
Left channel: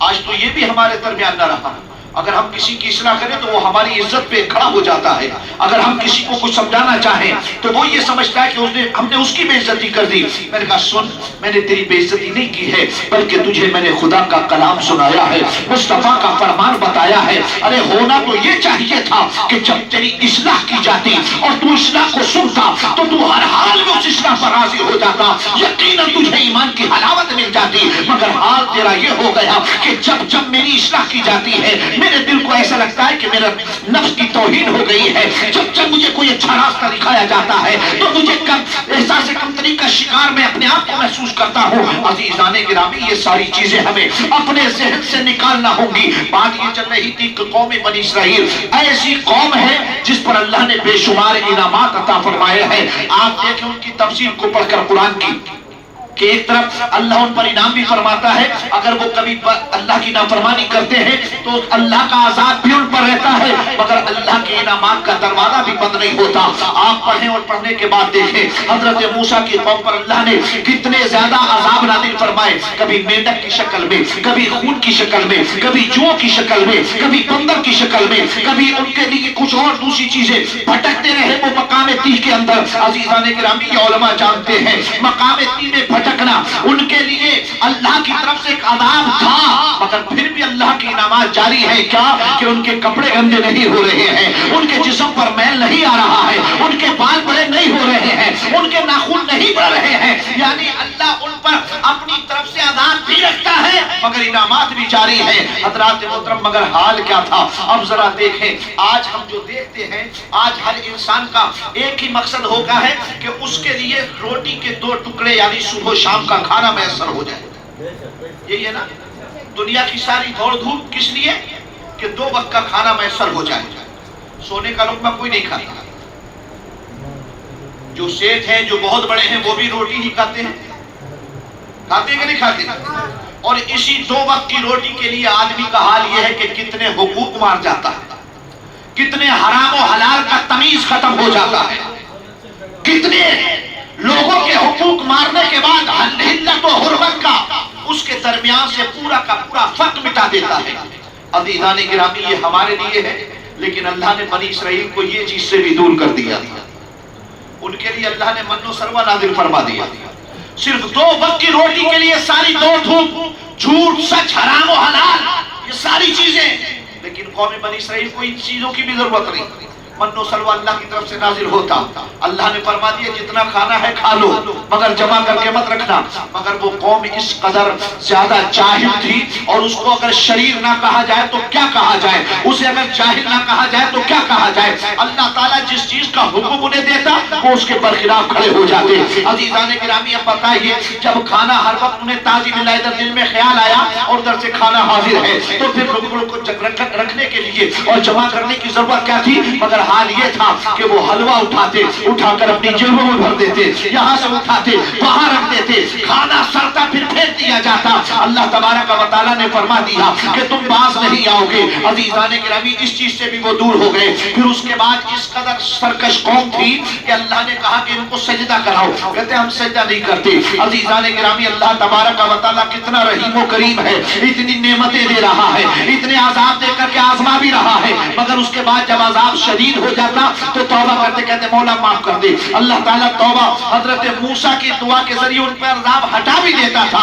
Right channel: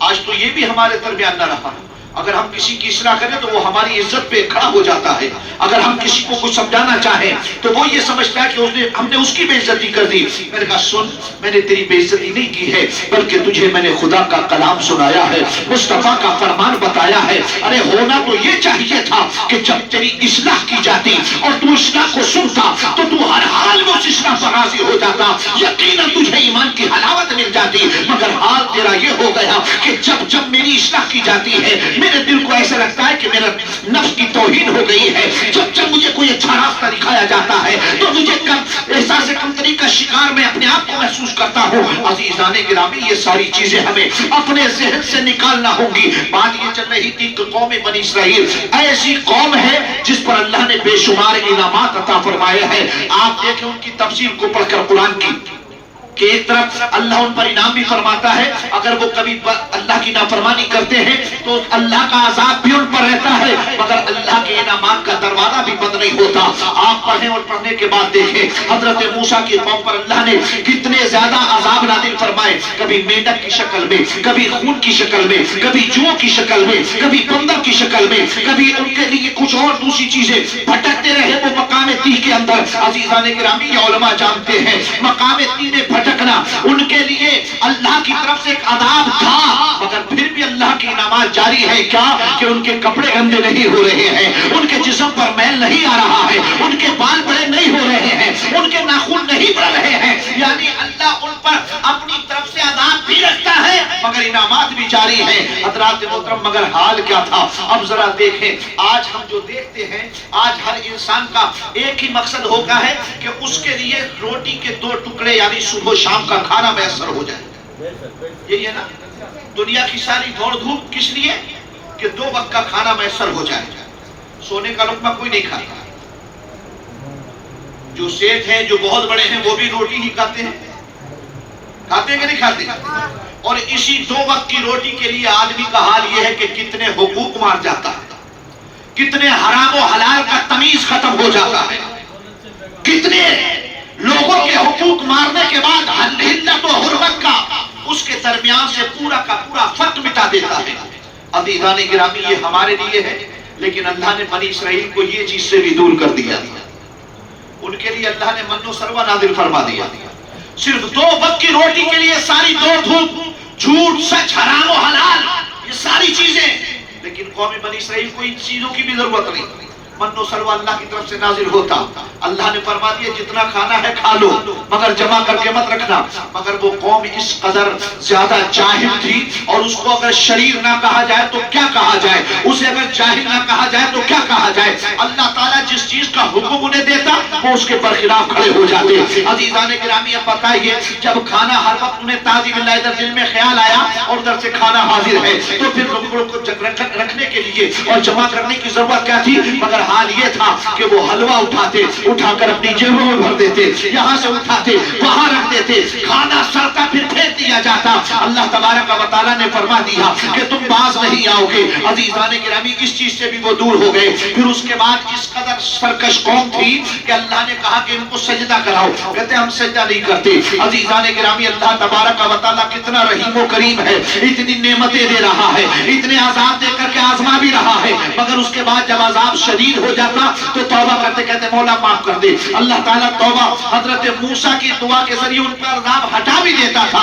آج تو یہ بھی ہمارے درمیان نہ رہا، اگر ہم کسی کی اصلاح کریں تو وہ ہماری عزت پہ کھڑا ہو جاتا ہے، اگر ہم کسی کو کچھ سمجھانا چاہیں تو وہ یہ سمجھتا ہے کہ ہم نے اس کی بے عزتی کر دی۔ میں نے کہا سن، میں نے تیری بے عزتی نہیں کی ہے، بلکہ تجھے میں نے خدا کا کلام سنایا ہے، مصطفیٰ کا فرمان بتایا ہے۔ ارے ہونا تو یہ چاہیے تھا کہ جب تیری اصلاح کی جاتی اور تو اصلاح کو سنتا تو تو ہر حال میں اس اصلاح پر راضی ہو جاتا، یقیناً تجھے ایمان کی حلاوت مل جاتی۔ مگر حال تیرا یہ ہو گیا کہ جب میری اصلاح کی جاتی ہے میرے دل کو ایسا لگتا ہے کہ میرا نفس کی توہین ہو گئی ہے، جب مجھے کوئی اچھا راستہ دکھایا جاتا ہے تو مجھے احساس کمتری کا شکار میں اپنے آپ کو محسوس کرتا ہوں۔ عزیزان گرامی، یہ ساری چیزیں ہمیں اپنے ذہن سے نکالنا ہوں گی۔ بات یہ چل رہی تھی کہ قوم بنی اسرائیل ایسی قوم ہے جس پر اللہ نے بے شمار انعامات عطا فرمائے ہیں۔ آپ دیکھیں ان کی تفسیر کو پڑھ کر قرآن کی کہ ایک طرف اللہ ان پر انعام بھی فرماتا ہے، اگر وہ کبھی اللہ کی نافرمانی کرتے ہیں تو اللہ کا عذاب بھی ان پر رہتا ہے، مگر اللہ کے انعامات کا دروازہ بھی بند نہیں ہوتا۔ آپ پڑھیں اور پڑھنے کے بعد دیکھیں حضرت موسیٰ کی قوم پر اللہ نے کتنے زیادہ عذاب نازل فرمائے، کبھی مینڈک کی شکل میں، کبھی خون کی شکل میں، کبھی جو کی شکل میں، کبھی بندر کی شکل میں، کبھی ان کے لیے کچھ اور دوسری چیزیں بھٹکتے رہے وہ مقام تیہ کے اندر۔ عزیزان گرامی، یہ علماء جانتے ہیں مقام تیہ میں بھٹکنا ان کے لیے اللہ کی طرف سے ایک عذاب تھا، مگر پھر بھی اللہ کی انعامات جاری ہے۔ کیا کہ ان کے کپڑے گندے نہیں ہو رہے ہیں، ان کے جسم پر میل نہیں آ رہا ہے، ان کے بال بڑے نہیں ہو رہے ہیں، ان کے ناخن نہیں بڑھ رہے ہیں، یعنی اللہ ان پر اپنی طرف سے عذاب بھی رکھتا ہے مگر انعامات بھی جاری ہے۔ حضرات محترم، مگر حال کیا تھا؟ اب ذرا دیکھیں، آج ہم جو دیکھتے ہیں، آج ہر انسان کا ایک ہی مقصد ہوتا ہے کہ اس کے لیے روٹی کے 2 ٹکڑے یعنی صبح شام کا کھانا میسر ہو جائے۔ یہی ہے نا دنیا کی ساری دوڑ دھوپ، کس لیے؟ کہ 2 وقت کا کھانا میسر ہو جائے۔ سونے کا لقمہ کوئی نہیں کھاتا، جو سیٹ ہیں جو بہت بڑے ہیں وہ بھی روٹی ہی کھاتے ہیں، کھاتے ہیں کہ نہیں کھاتے؟ اور اسی 2 وقت کی روٹی کے لیے آدمی کا حال یہ ہے کہ کتنے حقوق مار جاتا ہے، کتنے حرام و حلال کا تمیز ختم ہو جاتا ہے، کتنے لوگوں کے حقوق مارنے کے بعد حلت و حرمت کا اس کے درمیان سے پورا کا پورا فرق مٹا دیتا ہے۔ عزیزان گرامی، یہ ہمارے لیے ہے، لیکن اللہ نے بنی اسرائیل کو یہ چیز سے بھی دور کر دیا۔ ان کے لیے اللہ نے من و سلوہ نازل فرما دیا، صرف 2 وقت کی روٹی کے لیے ساری دوڑ دھوپ، جھوٹ سچ حرام و حلال، یہ ساری چیزیں، لیکن قوم بنی اسرائیل کو ان چیزوں کی بھی ضرورت نہیں۔ من و سلوہ اللہ کی طرف سے نازل ہوتا، اللہ نے فرما دیا جتنا کھانا ہے کھا لو مگر جمع کر کے مت رکھنا۔ مگر وہ قوم اس قدر زیادہ جاہل تھی، اور اس کو اگر شریر نہ کہا جائے تو کیا کہا جائے، اسے اگر جاہل نہ کہا جائے تو کیا کہا جائے۔ اللہ تعالیٰ جس چیز کا حکم انہیں دیتا وہ اس کے برخلاف کھڑے ہو جاتے۔ عزیزان گرامی، اب بتائیے جب کھانا ہر وقت انہیں تعظیم اللہ ادھر دل میں خیال آیا اور ادھر سے کھانا حاضر ہے تو پھر لوگوں کو رکھنے کے لیے اور جمع کرنے کی ضرورت کیا تھی؟ مگر حال یہ تھا کہ وہ حلوہ اٹھاتے، اٹھا کر اپنی جیبوں میں بھر دیتے، یہاں سے اٹھاتے وہاں رکھ دیتے، کھانا سڑتا پھر پھینک دیا جاتا۔ اللہ تبارک و تعالیٰ نے فرما دیا کہ تم باز نہیں آؤ گے۔ عزیزان گرامی، اس چیز سے بھی وہ دور ہو گئے۔ پھر اس کے بعد اس قدر سرکش قوم تھی کہ اللہ نے کہا کہ ان کو سجدہ کراؤ، کہتے ہم سجدہ نہیں کرتے۔ عزیزان گرامی، اللہ تبارک و تعالیٰ کتنا رحیم و کریم ہے، اتنی نعمتیں دے رہا ہے، اتنے عذاب دے کر کے آزما بھی رہا ہے، مگر اس کے بعد جب عذاب شدید ہو جاتا تو توبہ کرتے کہتے مولا معاف کر دے۔ اللہ تعالیٰ توبہ حضرت موسیٰ کی دعا کے ذریعے ان پر عذاب ہٹا بھی دیتا تھا۔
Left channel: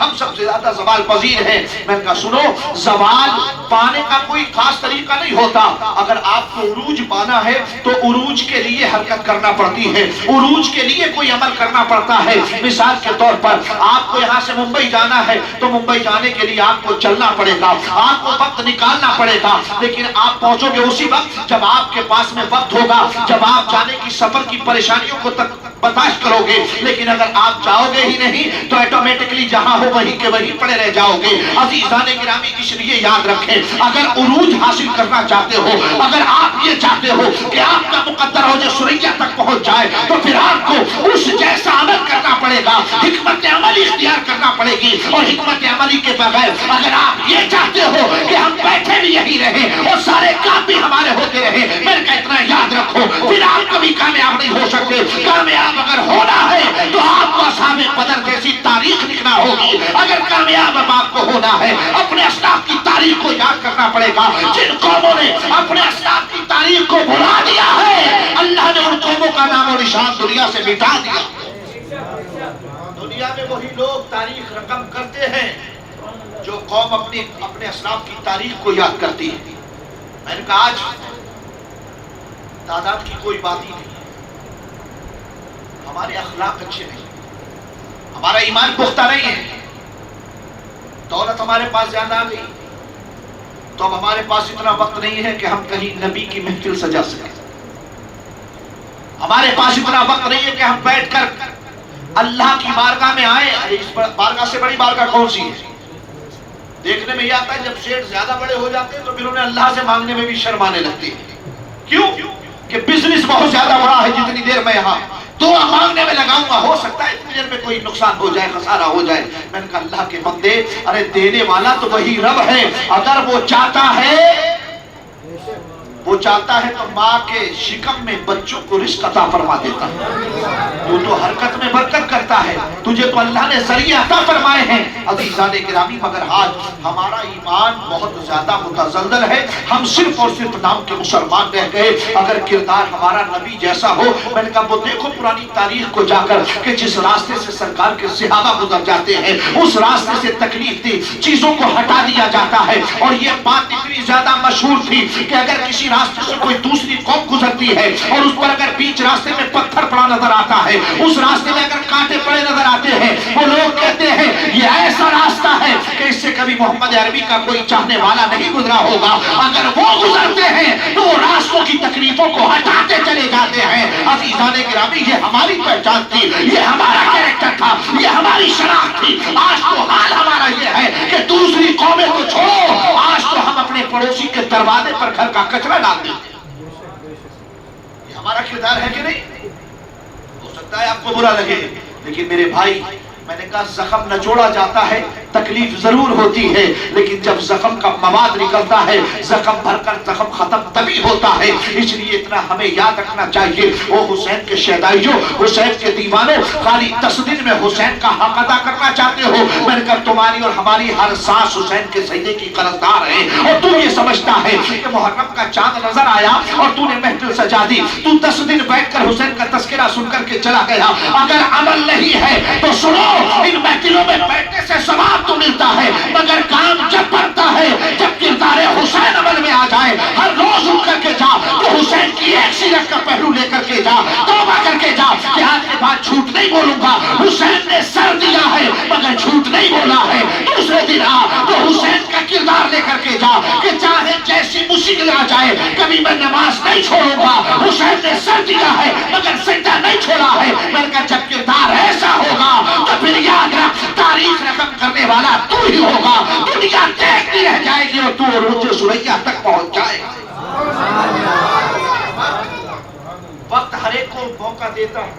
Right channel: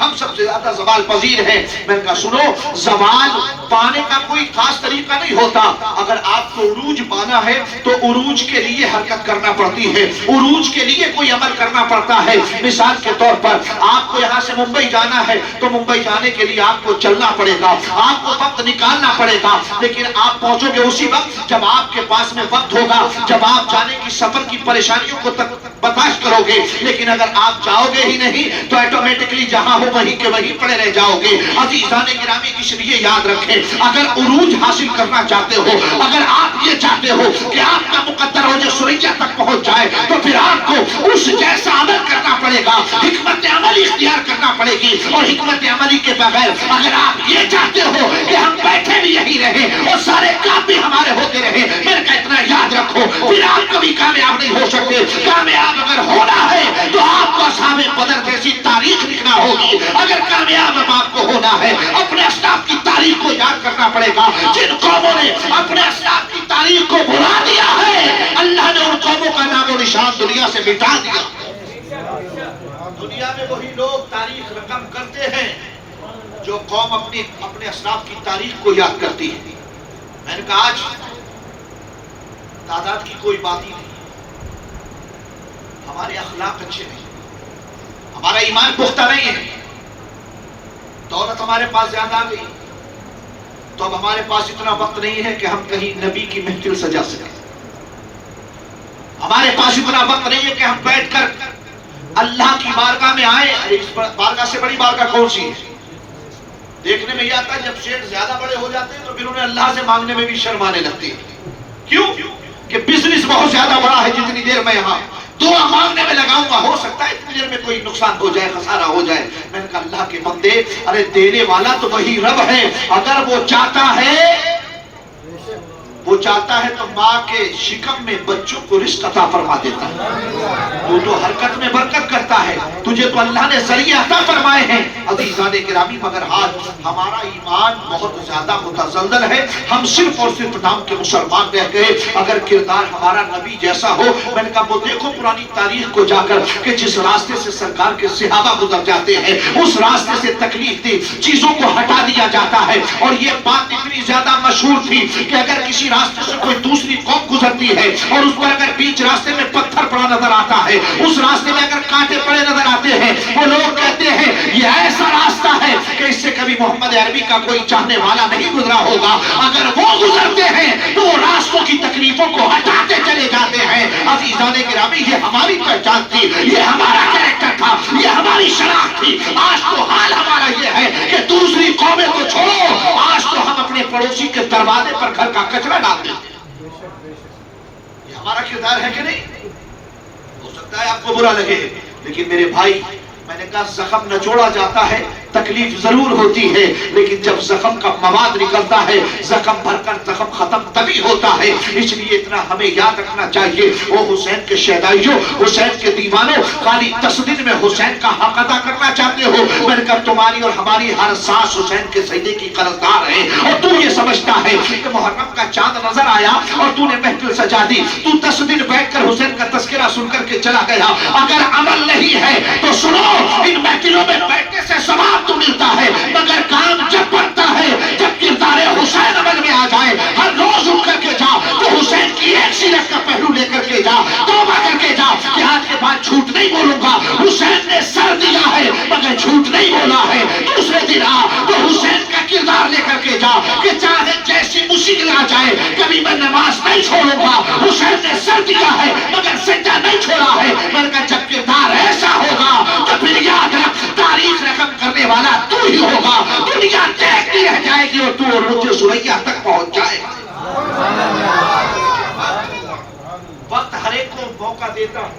ہم سب سے زیادہ زوال پذیر ہیں. میں نے کہا سنو، زوال پانے کا کوئی خاص طریقہ نہیں ہوتا. اگر آپ کو عروج پانا ہے تو عروج کے لیے حرکت کرنا پڑتی ہے، عروج کے لیے کوئی عمل کرنا پڑتا ہے. مثال کے طور پر آپ کو یہاں سے ممبئی جانا ہے تو ممبئی جانے کے لیے آپ کو چلنا پڑے گا، آپ کو وقت نکالنا پڑے گا. لیکن آپ پہنچو گے اسی وقت جب آپ کے پاس میں وقت ہوگا، جب آپ جانے کی سفر کی پریشانیوں کو برداشت کرو گے. لیکن اگر آپ جاؤ گے ہی نہیں تو آٹومیٹکلی جہاں ہو وہیں کے وہیں پڑے رہ جاؤ گے. عزیزان گرامی، اس لیے یاد رکھیں، اگر عروج حاصل کرنا چاہتے ہو، اگر آپ یہ چاہتے ہو کہ آپ کا مقدر ہو جو سریا تک پہنچ جائے، تو پھر آپ کو اس جیسا عمل کرنا پڑے گا، حکمت عملی اختیار کرنا پڑے گی. اور حکمت عملی کے بغیر اگر آپ یہ چاہتے ہو کہ ہم بیٹھے بھی یہی رہیں اور سارے کام بھی ہمارے ہوتے رہیں، میرے کا اتنا یاد رکھو، پھر آپ کبھی کامیاب نہیں ہو سکتے. کامیاب اگر ہونا ہے تو آپ کو اصحاب بدر جیسی تاریخ لکھنا ہوگی. اگر کامیاب آپ کو ہونا ہے، اپنے اسلاف کی تاریخ کو یاد کرنا پڑے گا. جن قوموں نے اپنے اسلاف کی تاریخ کو بھلا دیا ہے، اللہ نے ان قوموں کا نام و نشان دنیا سے مٹا دیا. دنیا میں وہی لوگ تاریخ رقم کرتے ہیں جو قوم اپنے اسلاف کی تاریخ کو یاد کرتی ہے. میں نے کہا آج تعداد کی کوئی بات ہی نہیں، ہمارے اخلاق اچھے نہیں، ہمارا ایمان پختہ نہیں ہے. دولت ہمارے پاس زیادہ آ گئی تو اب ہمارے پاس اتنا وقت نہیں ہے کہ ہم کہیں نبی کی محفل سجا سکیں. ہمارے پاس اتنا وقت نہیں ہے کہ ہم بیٹھ کر اللہ کی بارگاہ میں آئے. اس بارگاہ سے بڑی بارگاہ کون سی ہے؟ دیکھنے میں یہ آتا ہے جب شیخ زیادہ بڑے ہو جاتے ہیں تو پھر انہیں اللہ سے مانگنے میں بھی شرم آنے لگتی ہے. کیوں؟ کہ بزنس بہت زیادہ بڑا ہے. جتنی دیر میں یہاں دعا مانگنے میں لگاؤں گا، ہو سکتا ہے اتنی دیر میں کوئی نقصان ہو جائے، خسارہ ہو جائے. میں نے کہا اللہ کے بندے، ارے دینے والا تو وہی رب ہے. اگر وہ چاہتا ہے تو ماں کے شکم میں بچوں کو رزق عطا فرما دیتا ہے. تو حرکت میں برکت کرتا ہے، تجھے تو اللہ نے ذریعہ عطا فرمائے ہیں. عزیزان گرامی، مگر آج ہمارا ایمان بہت زیادہ متزلزل ہے. ہم صرف اور صرف نام کے مسلمان رہ گئے. اگر کردار ہمارا نبی جیسا ہو، میں نے کہا وہ دیکھو پرانی تاریخ کو جا کر کہ جس راستے سے سرکار کے صحابہ گزر جاتے ہیں، اس راستے سے تکلیف دی چیزوں کو ہٹا دیا جاتا ہے. اور یہ بات اتنی زیادہ مشہور تھی کہ اگر کسی راستے سے کوئی دوسری قوم گزرتی ہے اور اس پر اگر بیچ راستے میں پتھر پڑا نظر آتا ہے، اس راستے میں اگر کانٹے پڑے نظر آتے ہیں، وہ لوگ کہتے ہیں یہ ایسا راستہ ہے کہ اس سے کبھی محمد عربی کا کوئی چاہنے والا نہیں گزرا ہوگا. اگر وہ گزرتے ہیں تو وہ راستوں کی تکلیفوں کو ہٹاتے چلے جاتے ہیں. عزیزان گرامی، یہ ہماری پہچان تھی، یہ ہمارا کریکٹر تھا، یہ ہماری شناخت تھی. آج تو حال ہمارا یہ ہے کہ دوسری قومیں کو چھوڑو، آج تو ہم اپنے پڑوسی کے دروازے پر گھر کا کچرا ڈالتے ہیں. یہ ہمارا کردار ہے کہ نہیں؟ ہو سکتا ہے آپ کو برا لگے، لیکن میرے بھائی، میں نے کہا زخم نچوڑا جاتا ہے، تکلیف ضرور ہوتی ہے، لیکن جب زخم کا مواد نکلتا ہے، زخم بھر کر زخم ختم تبھی ہوتا ہے. اس لیے اتنا ہمیں یاد رکھنا چاہیے. وہ حسین کے شہدائیوں، حسین کے دیوانوں، خالی 10 دن میں حسین کا حق ادا کرنا چاہتے ہو. میں نے کہا تمہاری اور ہماری ہر سانس حسین کے سجدے کی قرضدار ہے. اور تو یہ سمجھتا ہے کہ محرم کا چاند نظر آیا اور تو نے محفل سجا دی، تو 10 دن بیٹھ کر حسین کا تذکرہ سن کر کے چلا گیا. اگر عمل نہیں ہے تو سنو، ان محفلوں میں بیٹھنے سے ثواب تو ملتا ہے، مگر کام جب بنتا ہے جب کردار حسین عمل میں آ جائے. ہر روز اٹھ کر کے جا تو حسین کی ایک سیرت کا پہلو لے کر کے جا، توبہ کر کے جا کہ آج کے بعد جھوٹ نہیں بولوں گا. حسین نے سر دیا ہے مگر جھوٹ نہیں بولا ہے. دوسرے دن آ تو حسین کا کردار لے کر کے جا کہ چاہے جیسی مشکل آ جائے کبھی میں نماز نہیں چھوڑوں گا. حسین نے سر دیا ہے مگر سجدہ نہیں چھوڑا ہے. میں نے کہا جب کردار ایسا ہوگا تو پھر یاد رکھ، تاریخ رقم کرنے والا تو ہی ہوگا. دنیا دیکھتی رہ جائے گی اور تو عروج سریا تک پہنچ جائے. وقت ہر ایک کو موقع دیتا ہے.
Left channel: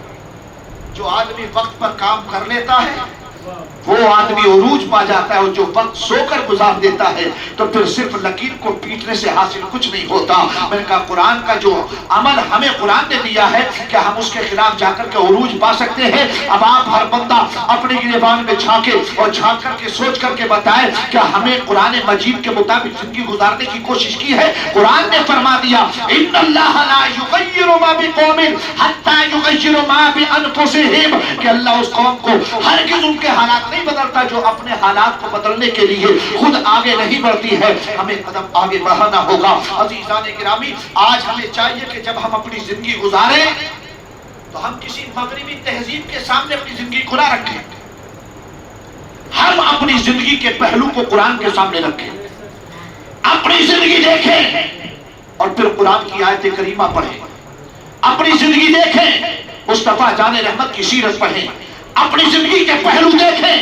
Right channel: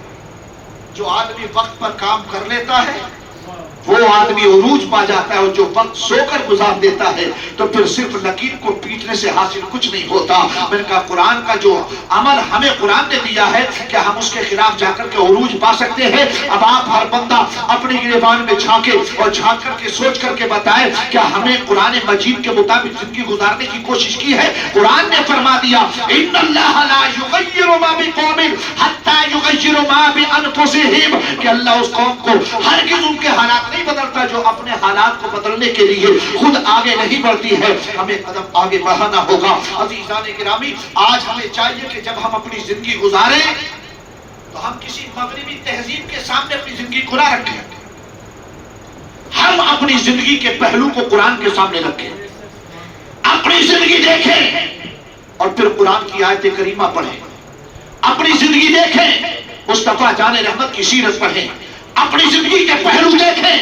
جو آدمی وقت پر کام کر لیتا ہے وہ آدمی عروج پا جاتا ہے، اور جو وقت سو کر گزار دیتا ہے تو پھر صرف لکیر کو پیٹنے سے حاصل کچھ نہیں ہوتا. میں نے کہا قرآن کا جو عمل ہمیں قرآن نے دیا ہے کہ ہم اس کے خلاف جا کر کے عروج پا سکتے ہیں. اب آپ ہر بندہ اپنی گریبان میں جھانکے اور جھانک کر کے سوچ کر کے بتائے کہ ہمیں قرآن مجید کے مطابق زندگی گزارنے کی کوشش کی ہے. قرآن نے فرما دیا ان اللہ لا یغیر ما بقوم حتی یغیروا ما بانفسہم، کہ اللہ اس قوم کو ہرگز ان کے حالات نہیں بدلتا جو اپنے حالات کو بدلنے کے لیے خود آگے نہیں بڑھتی ہے. ہمیں قدم آگے بڑھانا ہوگا. عزیزان گرامی، آج ہمیں چاہیے کہ جب ہم اپنی زندگی گزاریں تو ہم کسی مغربی تہذیب کے سامنے اپنی زندگی کو نہ رکھیں. ہم اپنی زندگی کے پہلو کو قرآن کے سامنے رکھیں، اپنی زندگی دیکھیں اور پھر قرآن کی آیت کریمہ پڑھیں. اپنی زندگی دیکھیں، مصطفیٰ جان رحمت کی سیرت پڑھیں. اپنی زندگی کے پہلو دیکھیں،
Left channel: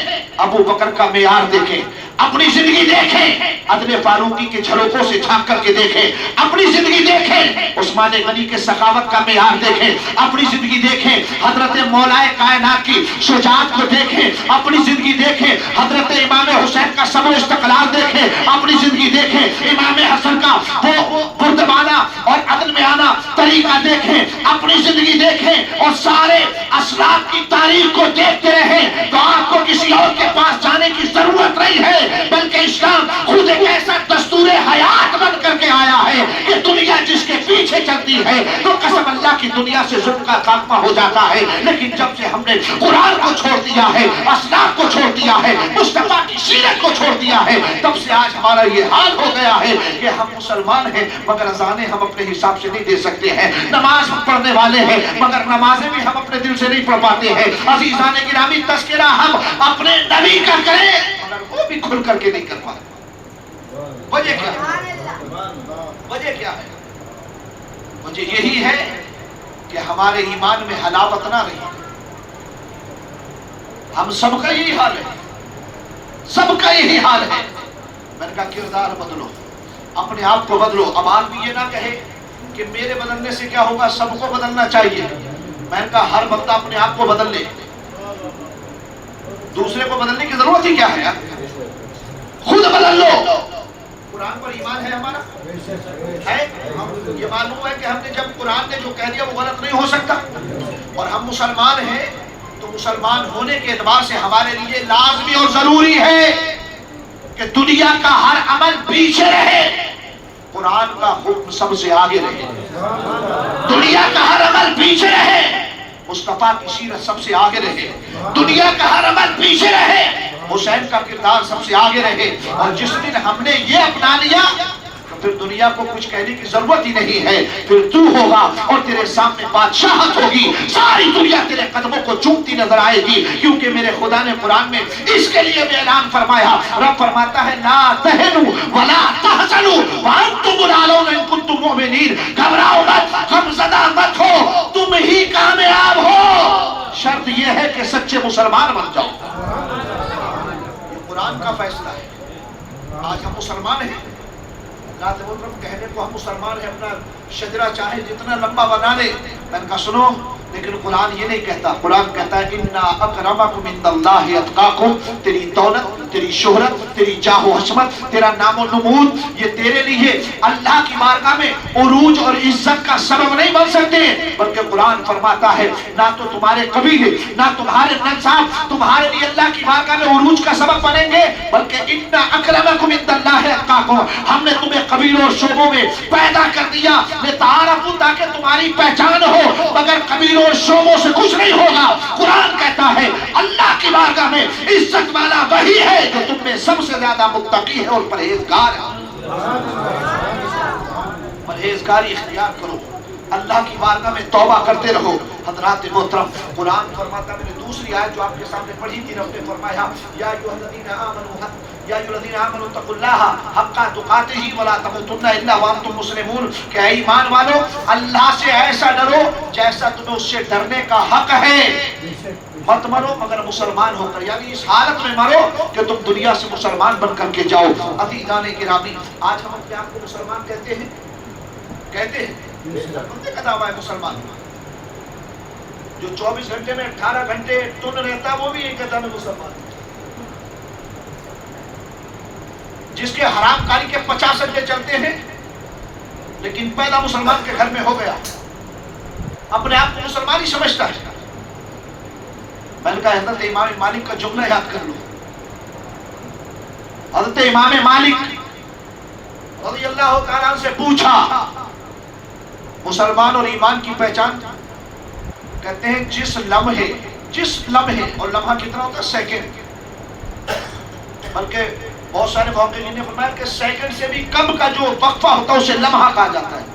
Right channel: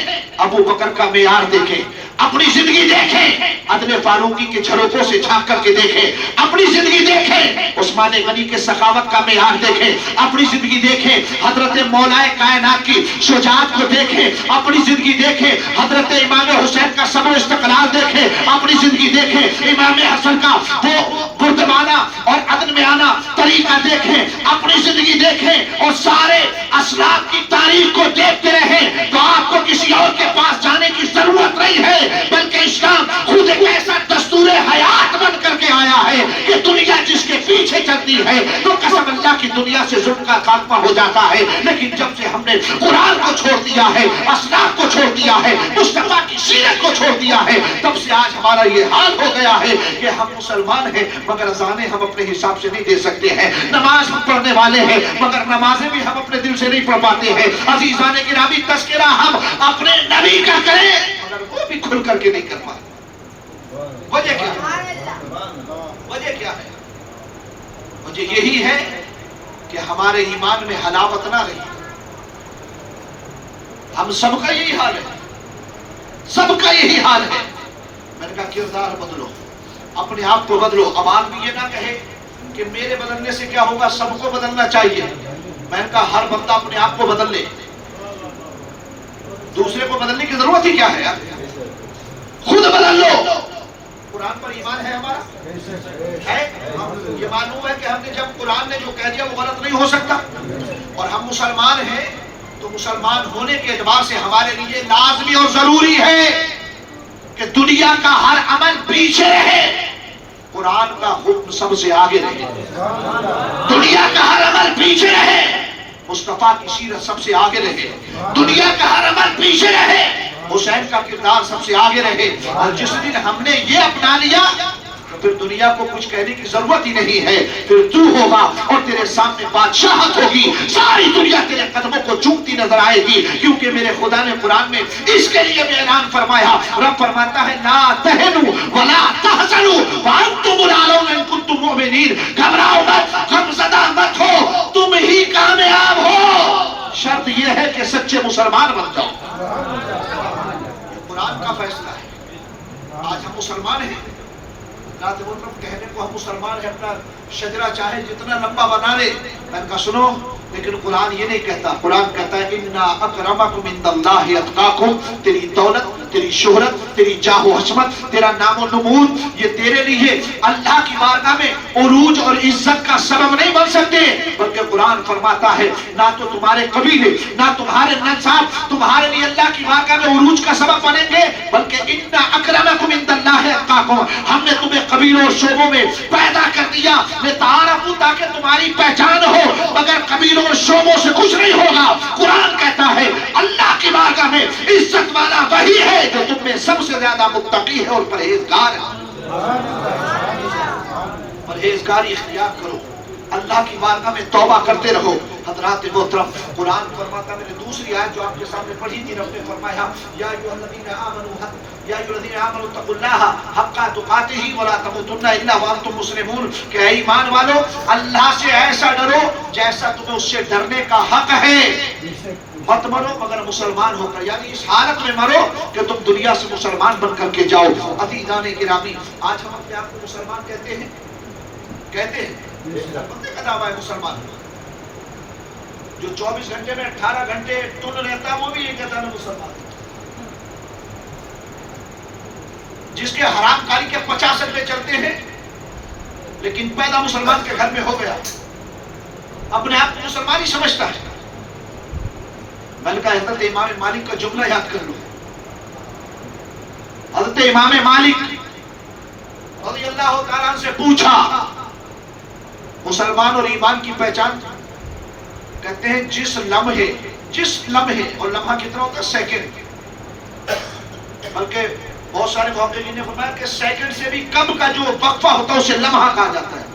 ابو بکر کا معیار دیکھیں. اپنی زندگی دیکھیں، عدل فاروقی کے جھروکوں سے جھانک کر کے دیکھیں. اپنی زندگی دیکھیں، عثمان غنی کے سخاوت کا معیار دیکھیں. اپنی زندگی دیکھیں، حضرت مولا کائنات کی شجاعت کو دیکھیں. اپنی زندگی دیکھیں، حضرت امام حسین کا صبر و استقلال دیکھیں. اپنی زندگی دیکھیں، امام حسن کا وہ بردبانہ اور عدل میں آنا طریقہ دیکھیں. اپنی زندگی دیکھیں اور سارے اسلاف کی تاریخ کو دیکھتے رہیں تو آپ کو کسی اور کے پاس جانے کی ضرورت نہیں ہے، بلکہ اسلام خود ایک ایسا دستور حیات بن کر کے آیا ہے کہ دنیا جس کے پیچھے چلتی ہے تو قسم اللہ کی دنیا سے ظلم کا خاتمہ ہو جاتا ہے. لیکن جب سے ہم نے قرآن کو چھوڑ دیا ہے، اسلاف کو چھوڑ دیا ہے، مصطفیٰ کی سیرت کو چھوڑ دیا ہے، تب سے آج ہمارا یہ حال ہو گیا ہے کہ ہم مسلمان ہیں مگر اذانیں ہم اپنے حساب سے نہیں دے سکتے ہیں. نماز ہم پڑھنے والے ہیں مگر نمازیں بھی ہم اپنے دل سے نہیں پڑھ پاتے ہیں. عزیزان گرامی، تذکرہ ہم اپنے نبی کا کریں مگر وہ بھی کھل کر کے نہیں کر پاتے. وجہ کیا ہے؟ وجہ کیا ہے؟ وجہ یہی ہے کہ ہمارے ایمان میں حلاوت نہ رہی. ہم سب کا یہی حال ہے، سب کا یہی حال ہے. میں نے کہا کردار بدلو، اپنے آپ کو بدلو. اب آدمی یہ نہ کہے کہ میرے بدلنے سے کیا ہوگا، سب کو بدلنا چاہیے. میں نے کہا ہر بندہ اپنے آپ کو بدل لے، دوسرے کو بدلنے کی ضرورت ہی کیا ہے یار؟ خود بدل لو. قرآن پر ایمان ہے ہمارا ہے. یہ معلوم ہے کہ ہم نے جب قرآن نے جو کہہ دیا وہ غلط نہیں ہو سکتا. اور ہم مسلمان ہیں تو مسلمان ہونے کے اعتبار سے ہمارے لیے لازمی اور ضروری ہے کہ دنیا کا ہر عمل پیچھے رہے، قرآن کا حکم سب سے آگے رہے. دنیا کا ہر عمل پیچھے رہے، مصطفیٰ کی سیرت سب سے آگے رہے. دنیا کا ہر عمل پیچھے رہے، حسین کا کردار سب سے آگے رہے. اور جس دن ہم نے یہ اپنا لیا تو پھر دنیا کو کچھ کہنے کی ضرورت ہی نہیں ہے. پھر تو ہوگا اور تیرے سامنے بادشاہت ہوگی، ساری دنیا تیرے قدموں کو چومتی نظر آئے گی. کیونکہ میرے خدا نے قرآن میں اس کے لیے بھی اعلان فرمایا. رب فرماتا ہے لا تہنوا ولا تحزنوا وانتم الاعلون ان کنتم مؤمنین. گھبراؤ مت، غمزدہ مت ہو، تم ہی کامیاب ہو. شرط یہ ہے کہ سچے مسلمان بن جاؤ. قرآن کا فیصلہ ہے. آج ہم مسلمان ہیں، کہنے کو ہم مسلمان ہیں، اپنا شجرہ چاہے جتنا لمبا بنا لے. میں نے کہا سنو، لیکن قرآن یہ نہیں کہتا. قرآن کہتا ہے اِنَّا أَكْرَمَكُمْ عِنْدَ اللَّهِ أَتْقَاكُمْ. تیری دولت، تیری شہرت، تیری جاہ و حشمت، تیرا نام و نمود، یہ تیرے لیے اللہ کی بارگاہ میں عروج اور عزت کا سبب نہیں بن سکتے. بلکہ قرآن فرماتا ہے نہ تو تمہارے قبیلے، نہ تمہارے نسب تمہارے لیے اللہ کی بارگاہ میں عروج کا سبب بنیں گے، بلکہ اِنَّا أَكْرَمَكُمْ عِنْدَ اللَّهِ أَتْقَاكُمْ. ہم نے تمہیں قبیلوں اور شعبوں میں پیدا کر دیا لتعارفوا، تاکہ تمہاری پہچان ہو، مگر قبیلوں اور شعبوں سے کچھ نہیں ہوگا. قرآن کہتا ہے اللہ کی بارگاہ میں عزت والا وہی ہے جو تم میں سب سے زیادہ متقی ہے اور پرہیزگار ہے. پرہیزگاری اختیار کرو، اللہ کی بارگاہ میں توبہ کرتے رہو. حضرات محترم، قرآن فرماتا ہے، میں نے دوسری آیت جو آپ کے سامنے پڑھی تھی، رب نے فرمایا یا ایھا الذین آمنوا اتقوا اللہ حق تقاتہ ولا تموتن الا وانتم مسلمون. کہ اے ایمان والو، اللہ سے ایسا ڈرو جیسا تمہیں اس سے ڈرنے کا حق ہے. مت مرو مگر مسلمان ہو کر، یعنی اس حالت میں مرو کہ تم دنیا سے مسلمان بن کر کے جاؤ. عزیزان گرامی، آج ہم اپنے آپ کو مسلمان کہتے ہیں، کہتے ہیں بندے کا دعویٰ ہے مسلمان. جو 24 گھنٹے میں 18 گھنٹے ٹن رہتا ہے وہ بھی یہ کہتا ہے مسلمان. جس کے حرام کاری کے 50 اڈے چلتے ہیں لیکن پیدا مسلمان کے گھر میں ہو گیا، اپنے آپ کو مسلمان ہی سمجھتا ہے. میں نے کہا حضرت امام مالک کا جملہ یاد کر لو. حضرت امام مالک رضی اللہ تعالیٰ عنہ سے پوچھا مسلمان اور ایمان کی پہچان. کہتے ہیں جس لمحے، اور لمحہ کتنا ہوتا ہے؟ سیکنڈ. بلکہ بہت سارے محققین نے فرمایا کہ سیکنڈ سے بھی کم کا جو وقفہ ہوتا ہے اسے لمحہ کہا جاتا ہے.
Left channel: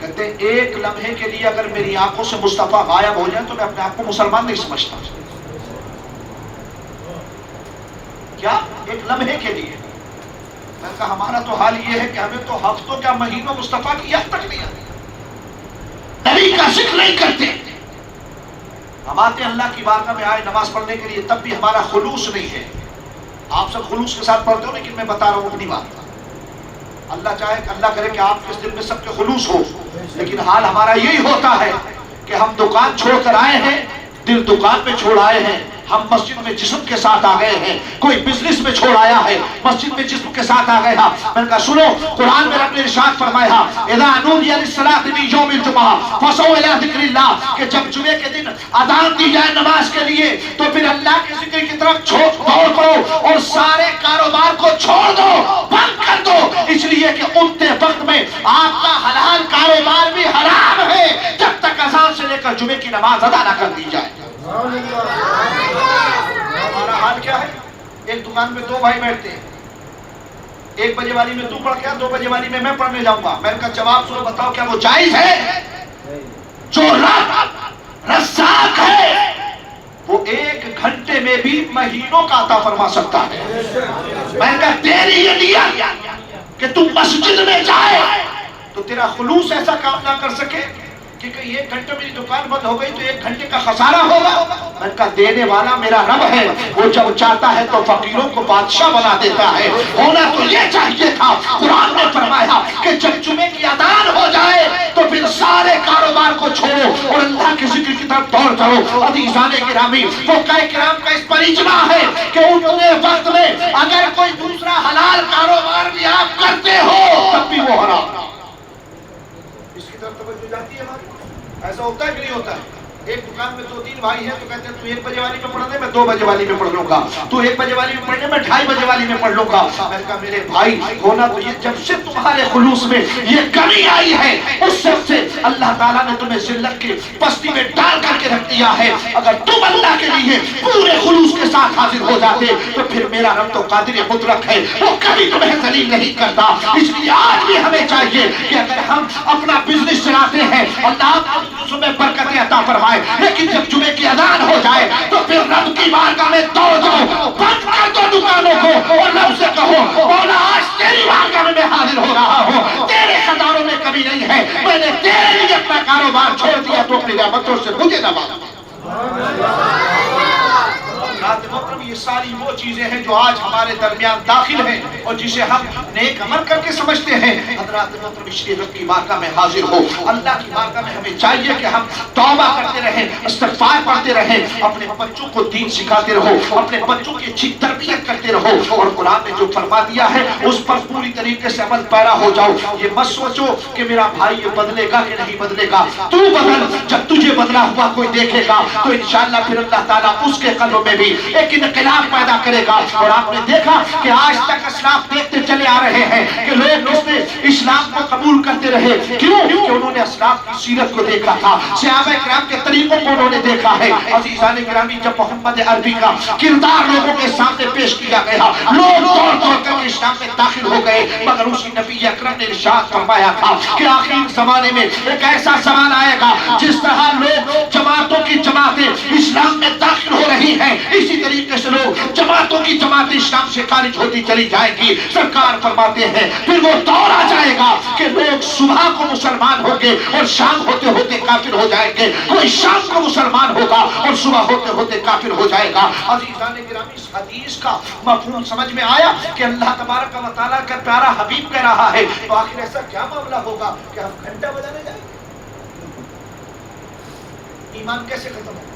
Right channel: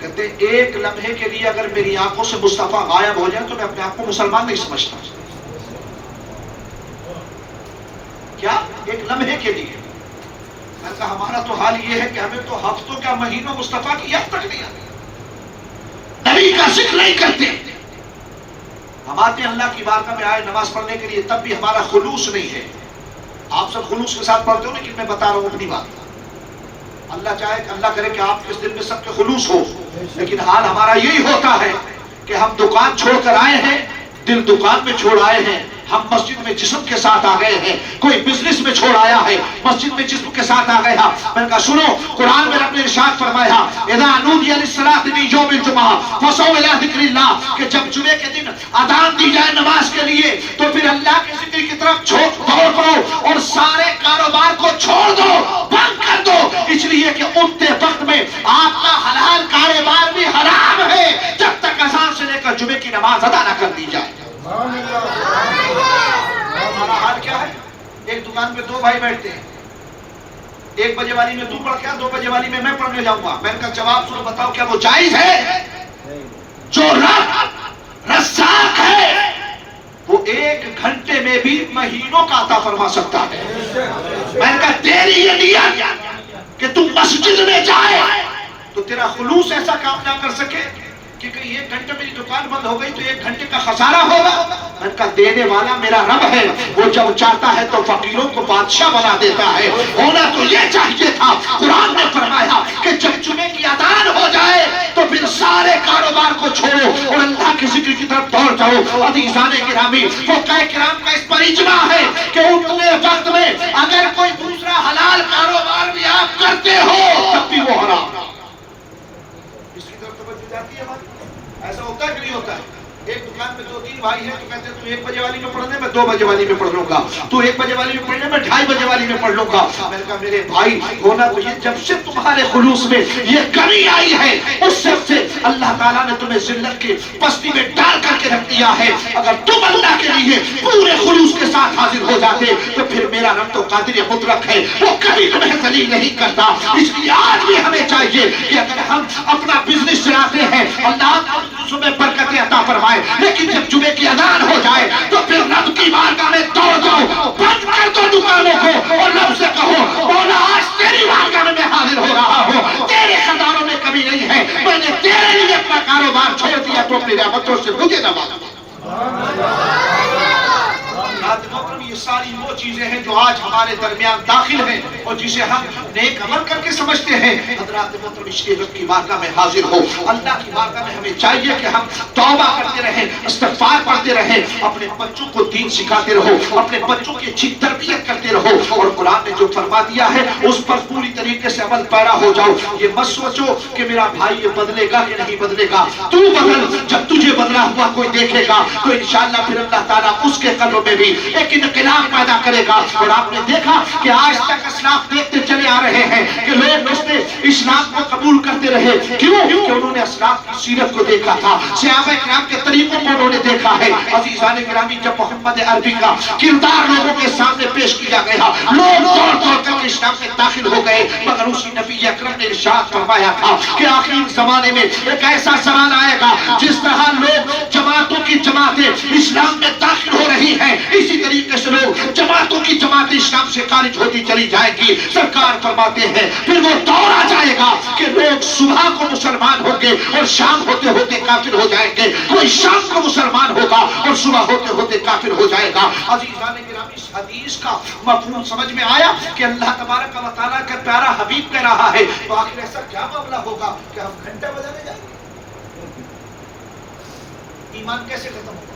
کہتے ہیں ایک لمحے کے لیے اگر میری آنکھوں سے مصطفیٰ غائب ہو جائے تو میں اپنے آپ کو مسلمان نہیں سمجھتا. کیا ایک لمحے کے لیے. میں نے کہا ہمارا تو حال یہ ہے کہ ہمیں تو ہفتوں کیا مہینوں مصطفیٰ کی یاد تک نہیں آتی, نبی کا ذکر نہیں کرتے. ہم آتے ہیں اللہ کی بارگاہ میں آئے نماز پڑھنے کے لیے, تب بھی ہمارا خلوص نہیں ہے. آپ سب خلوص کے ساتھ پڑھتے ہو, لیکن میں بتا رہا ہوں اپنی بات. اللہ چاہے کہ اللہ کرے کہ آپ کے دل میں سب کے خلوص ہو, لیکن حال ہمارا یہی ہوتا ہے کہ ہم دکان چھوڑ کر آئے ہیں, دل دکان میں چھوڑ آئے ہیں. ہم مسجد میں جسم کے ساتھ آ گئے ہیں, کوئی بزنس میں چھوڑ آیا ہے, مسجد میں جسم کے ساتھ آ گیا. میں نے کہا سنو, قرآن میں رب نے ارشاد فرمایا اذا نودی للصلاۃ من یوم الجمعہ فسعوا الی ذکر اللہ, کہ جب جمعے کے دن اذان دی جائے نماز کے لیے تو پھر اللہ کے ذکر کی طرف دوڑ پڑو اور سارے کاروبار کو چھوڑ دو, بند کر دو. اس لیے کہ اٹھتے وقت میں آپ کا حلال کاروبار بھی حرام ہے جب تک اذان سے لے کر جمعے کی نماز ادا نہ کر دی جائے. ہمارا حال کیا ہے؟ ایک دکان پہ دو بھائی بیٹھتے ہیں, 1 بجے والی میں تو پڑھ کے 2 بجے والی میں پڑھنے جاؤں گا. میں نے کہا جواب سنو, بتاؤ کیا وہ جائز ہے؟ جو رب رزاق ہے وہ 1 گھنٹے میں بھی مہینوں کا عطا فرما سکتا ہے. میں نے کہا تیری یہ نیت کہ تم مسجد میں جائے تو تیرا خلوص ایسا کام نہ کر سکے کہ 1 گھنٹے میں دکان بند ہو گئی تو 1 گھنٹے کا خسارہ ہوگا. میں نے کہا دینے والا میرا رب ہے, وہ جب چاہتا ہے تو فقیروں کو بادشاہ بنا دیتا ہے. ہونا تو یہ چاہیے تھا. قرآن نے فرمایا کہ جب جمعے کی اذان ہو جائے تو پھر سارے کاروبار کو چھوڑو اور اللہ کے ذکر کی طرف دوڑ جاؤ. عزیزان گرامی, فقہاء کرام کا اس پر اجماع ہے کہ اتنے وقت میں اگر کوئی دوسرا حلال کاروبار بھی آپ کرتے ہو تب بھی وہ حرام. اس کی طرف توجہ جاتی ہے ہماری. ایسا ہوتا ہے کہ نہیں ہوتا ہے؟ ایک دکان میں 2-3 بھائی ہیں تو کہتے ہیں تو 1 بجے والی میں پڑھنے, میں 2 بجے والی میں پڑھ لوں گا. تو 1 بجے والی میں پڑھنے, میں 2:30 بجے والی میں پڑھ لوں گا. میں نے کہا میرے بھائی ہونا تو یہ جب سے تمہارے خلوص میں یہ کمی آئی ہے اس وقت سے اللہ تعالیٰ نے تمہیں ذلت کی پستی میں ڈال کر کے رکھ دیا ہے. اگر تم اللہ کے لیے پورے خلوص کے ساتھ حاضر ہو جاتے تو پھر میرا رب تو قادر مطلق ہے, وہ کبھی تمہیں ذلیل نہیں کرتا. اس لیے آج بھی ہمیں چاہیے کہ اگر ہم اپنا بزنس چلاتے ہیں اللہ میں برکتیں عطا فرمائے, لیکن جب جمعے کی اذان ہو جائے تو پھر رب کی بارگاہ میں دوڑ جاؤ, بند کر دو دکانوں کو اور رب سے کہو مولا آج تیری بارگاہ میں حاضر ہو رہا ہوں, تیرے خزانوں میں کمی نہیں ہے, میں نے تیرے لیے اپنا کاروبار چھوڑ دیا تو اپنی رحمتوں سے مجھے نواز. یہ ساری وہ چیزیں ہیں جو آج ہمارے درمیان داخل ہیں اور جسے ہم نیک عمل کر کے سمجھتے ہیں. حضرات محترم, اس لیے رب کی بارگاہ میں حاضر ہو. اللہ کی بارگاہ میں ہمیں چاہیے کہ ہم توبہ کرتے رہیں, استغفار پڑھتے رہیں, اپنے بچوں کو دین سکھاتے رہو, اپنے بچوں کی اچھی تربیت کرتے رہو, اور قرآن نے جو فرما دیا ہے اس پر پوری طریقے سے عمل پیرا ہو جاؤ. یہ مت سوچو کہ میرا بھائی یہ بدلے گا کہ نہیں بدلے گا. تو بدل, جب تجھے بدلا ہوا کوئی دیکھے گا تو انشاءاللہ پھر اللہ تعالیٰ اس کے قلبوں میں بھی ایک انقلاب پیدا کرے گا. اور آپ نے دیکھا کہ آج تک اسلاف دیکھتے چلے آ رہے ہیں کہ لوگ اس نے اسلام کو قبول کرتے رہے. کیوں؟ کہ انہوں نے اسلاف کی سیرت کو دیکھا تھا, صحابہ کرام کے طریقوں کو انہوں نے دیکھا ہے. عزیزان گرامی, جب محمد عربی کا کردار لوگوں کے سامنے پیش کیا گیا لوگ دوڑ دوڑ کر کے اسلام میں داخل ہو گئے, مگر اسی نبی اکرم نے ارشاد فرمایا تھا کہ آخر زمانے میں ایک ایسا زمان آئے گا جس طرح لوگ جماعتوں کی جماعتیں اسلام میں داخل ہو رہی ہیں, اسی طریقے سے لوگ جماعتوں کی جماعتیں اسلام سے خارج ہوتی چلی جائے گی. سرکار فرماتے ہیں پھر وہ دور آ جائے گا کہ لوگ صبح کو مسلمان ہوں گے اور شام ہوتے ہوتے کافر ہو جائیں گے, کوئی شام کو مسلمان ہوگا اور صبح ہوتے ہوتے کافر ہو جائے گا. عزیزان گرامی, اس حدیث کا مفہوم سمجھ میں آیا کہ اللہ تبارک و تعالیٰ کا پیارا حبیب کہہ رہا ہے تو آخر ایسا کیا معاملہ ہوگا کہ ہم گھنٹہ بجانے جائیں گے؟ ایمان کیسے ختم ہوگا؟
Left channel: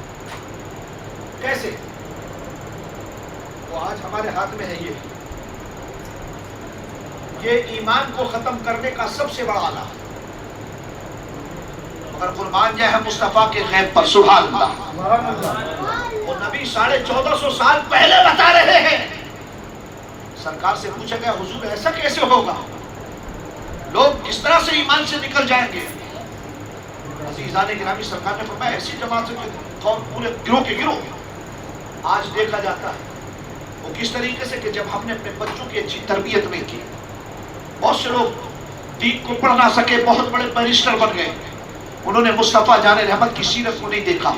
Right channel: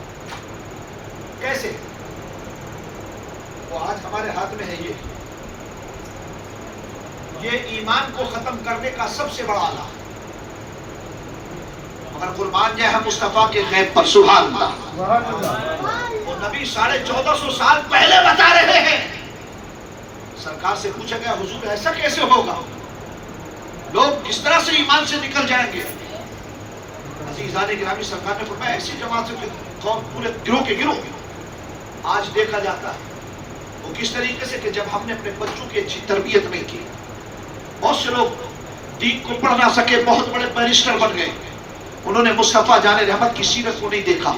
کیسے؟ وہ آج ہمارے ہاتھ میں ہے. یہ ایمان کو ختم کرنے کا سب سے بڑا آلہ, مگر قربان جائے ہم مصطفیٰ کے غیب پر. سبحان اللہ. وہ نبی 1450 سال پہلے بتا رہے ہیں. سرکار سے پوچھا گیا حضور ایسا کیسے ہوگا, لوگ کس طرح سے ایمان سے نکل جائیں گے؟ عزیزان گرامی, سرکار نے فرمایا ایسی جماعت سے پورے گروہ کے گروہ. آج دیکھا جاتا ہے وہ کس طریقے سے کہ جب ہم نے اپنے بچوں کی اچھی تربیت نہیں کی. بہت سے لوگ دین کو پڑھ نہ سکے، بہت بڑے بیرسٹر بن گئے، انہوں نے مصطفیٰ جان رحمت کی سیرت کو نہیں دیکھا،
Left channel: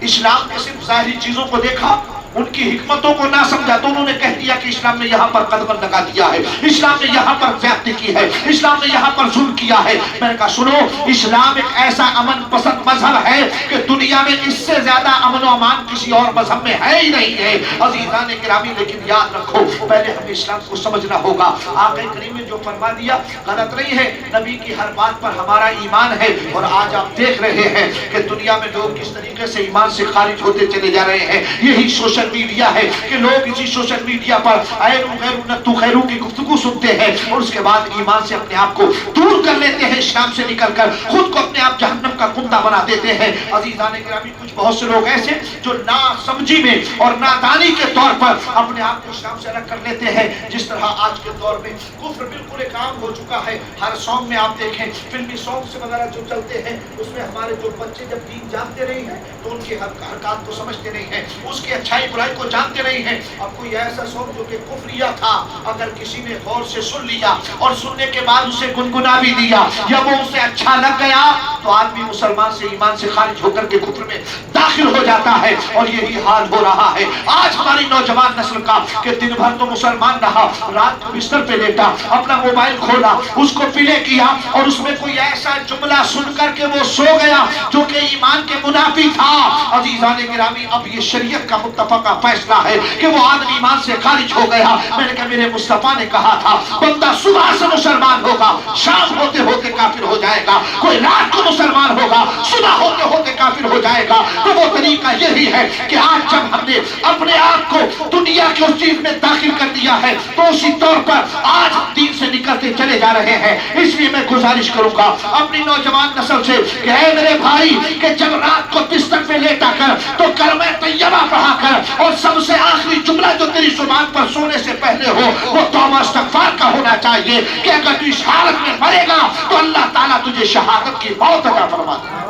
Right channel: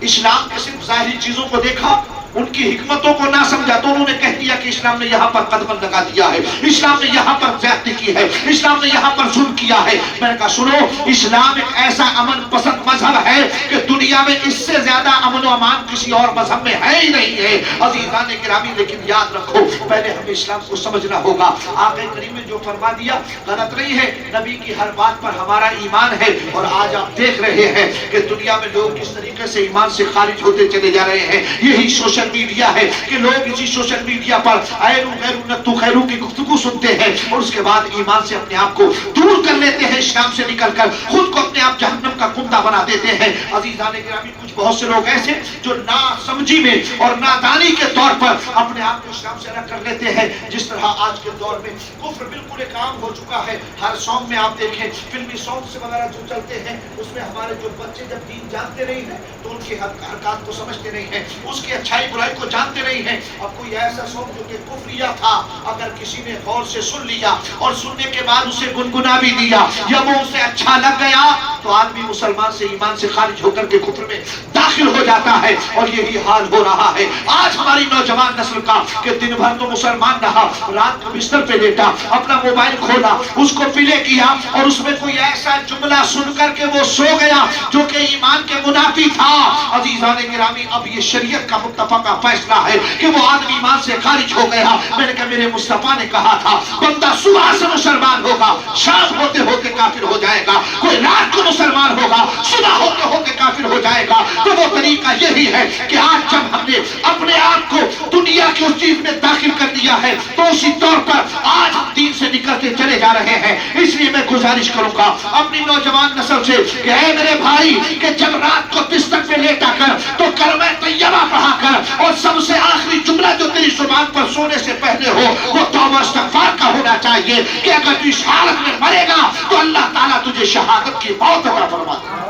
اسلام کے صرف ظاہری چیزوں کو دیکھا، ان کی حکمتوں کو نہ سمجھا تو انہوں نے کہہ دیا کہ اسلام نے یہاں پر قدم لگا دیا ہے، اسلام نے یہاں پر زیادتی کی ہے، اسلام نے یہاں پر ظلم کیا ہے. میں نے کہا سنو، اسلام ایک ایسا امن پسند مذہب ہے کہ دنیا میں اس سے زیادہ امن و امان کسی اور مذہب میں ہے ہی نہیں ہے. عزیزان گرامی، لیکن یاد رکھو پہلے ہمیں اسلام کو سمجھنا ہوگا. آقا کریم نے جو فرما دیا غلط نہیں ہے، نبی کی ہر بات پر ہمارا ایمان ہے. اور آج آپ دیکھ رہے ہیں کہ دنیا میں لوگ کس طریقے سے ایمان سے خارج ہوتے چلے جا رہے ہیں. یہی سوشل میڈیا ہے کہ لوگ اسی سوشل میڈیا پر ایرو غیرو نتو خیرو کی گفتگو سنتے ہیں اور اس کے بعد ایمان سے اپنے آپ کو دور کر لیتے ہیں، اسلام سے نکل کر خود کو اپنے آپ جہنم کا کنڈا بنا دیتے ہیں. عزیزان گرامی، کچھ بہت سے لوگ ایسے جو نا سمجھی میں اور نادانی کے طور پر اپنے آپ کو اسلام سے الگ کر لیتے ہیں. جس طرح آج کے دور میں کفر بالکل ایک عام ہو چکا ہے. ہر سانگ میں آپ دیکھیں، فلمی سانگ سے وغیرہ جو چلتے ہیں، اس میں ہمارے جو بچے جب دین جانتے نہیں ہیں تو ان کی حرکات کو سمجھتے نہیں ہیں، اس کی اچھائی برائی کو جانتے نہیں ہیں. اب کوئی ایسا سانگ جو کہ کفریہ تھا، اگر کسی نے غور سے سن لیا اور سننے کے بعد اسے گنگنا بھی دیا یا وہ اسے اچھا لگ گیا تو آدمی مسلمان سے ایمان سے خارج ہو کر کے کفر میں داخل ہو جاتا ہے. اور یہی حال ہو رہا ہے آج ہماری نوجوان نسل کا کہ دن بھر تو مسلمان رہا، رات کو بستر پہ لیٹا، اپنا موبائل کھولا، اس کو پلے کیا اور اس میں کوئی ایسا جملہ سن کر کے وہ سو گیا جو کہ ایمان کے منافی تھا. عزیزان گرامی، اب یہ شریعت کا متفقہ فیصلہ ہے کہ وہ آدمی ایمان سے خارج ہو گیا. میں نے کہا میرے مصطفیٰ نے کہا تھا بندہ صبح سے مسلمان ہوگا، شام ہوتے ہوتے کافر ہو جائے گا، کوئی رات کو مسلمان ہوگا، صبح ہوتے ہوتے کافر ہو جائے گا. تو وہ طریقہ یہی ہے کہ آج جب ہم نے اپنے آپ کو دنیا کی اس چیز میں داخل کر دیا ہے تو اسی طور پر آج ہم دین سے نکلتے چلے جا رہے ہیں. اس لیے میں گزارش کروں گا اپنی نوجوان نسل سے کہ اے میرے بھائی، کہ جب رات کو بستر پہ لیٹا کر تو کلمہ طیبہ پڑھا کر اور سب سے آخری جملہ جو تیری زبان پر سونے سے پہلے ہو وہ توبہ استغفار کا ہونا چاہیے کہ اگر تو اس حالت میں مرے گا تو اللہ تعالیٰ تجھے شہادت کی موت عطا فرما دے.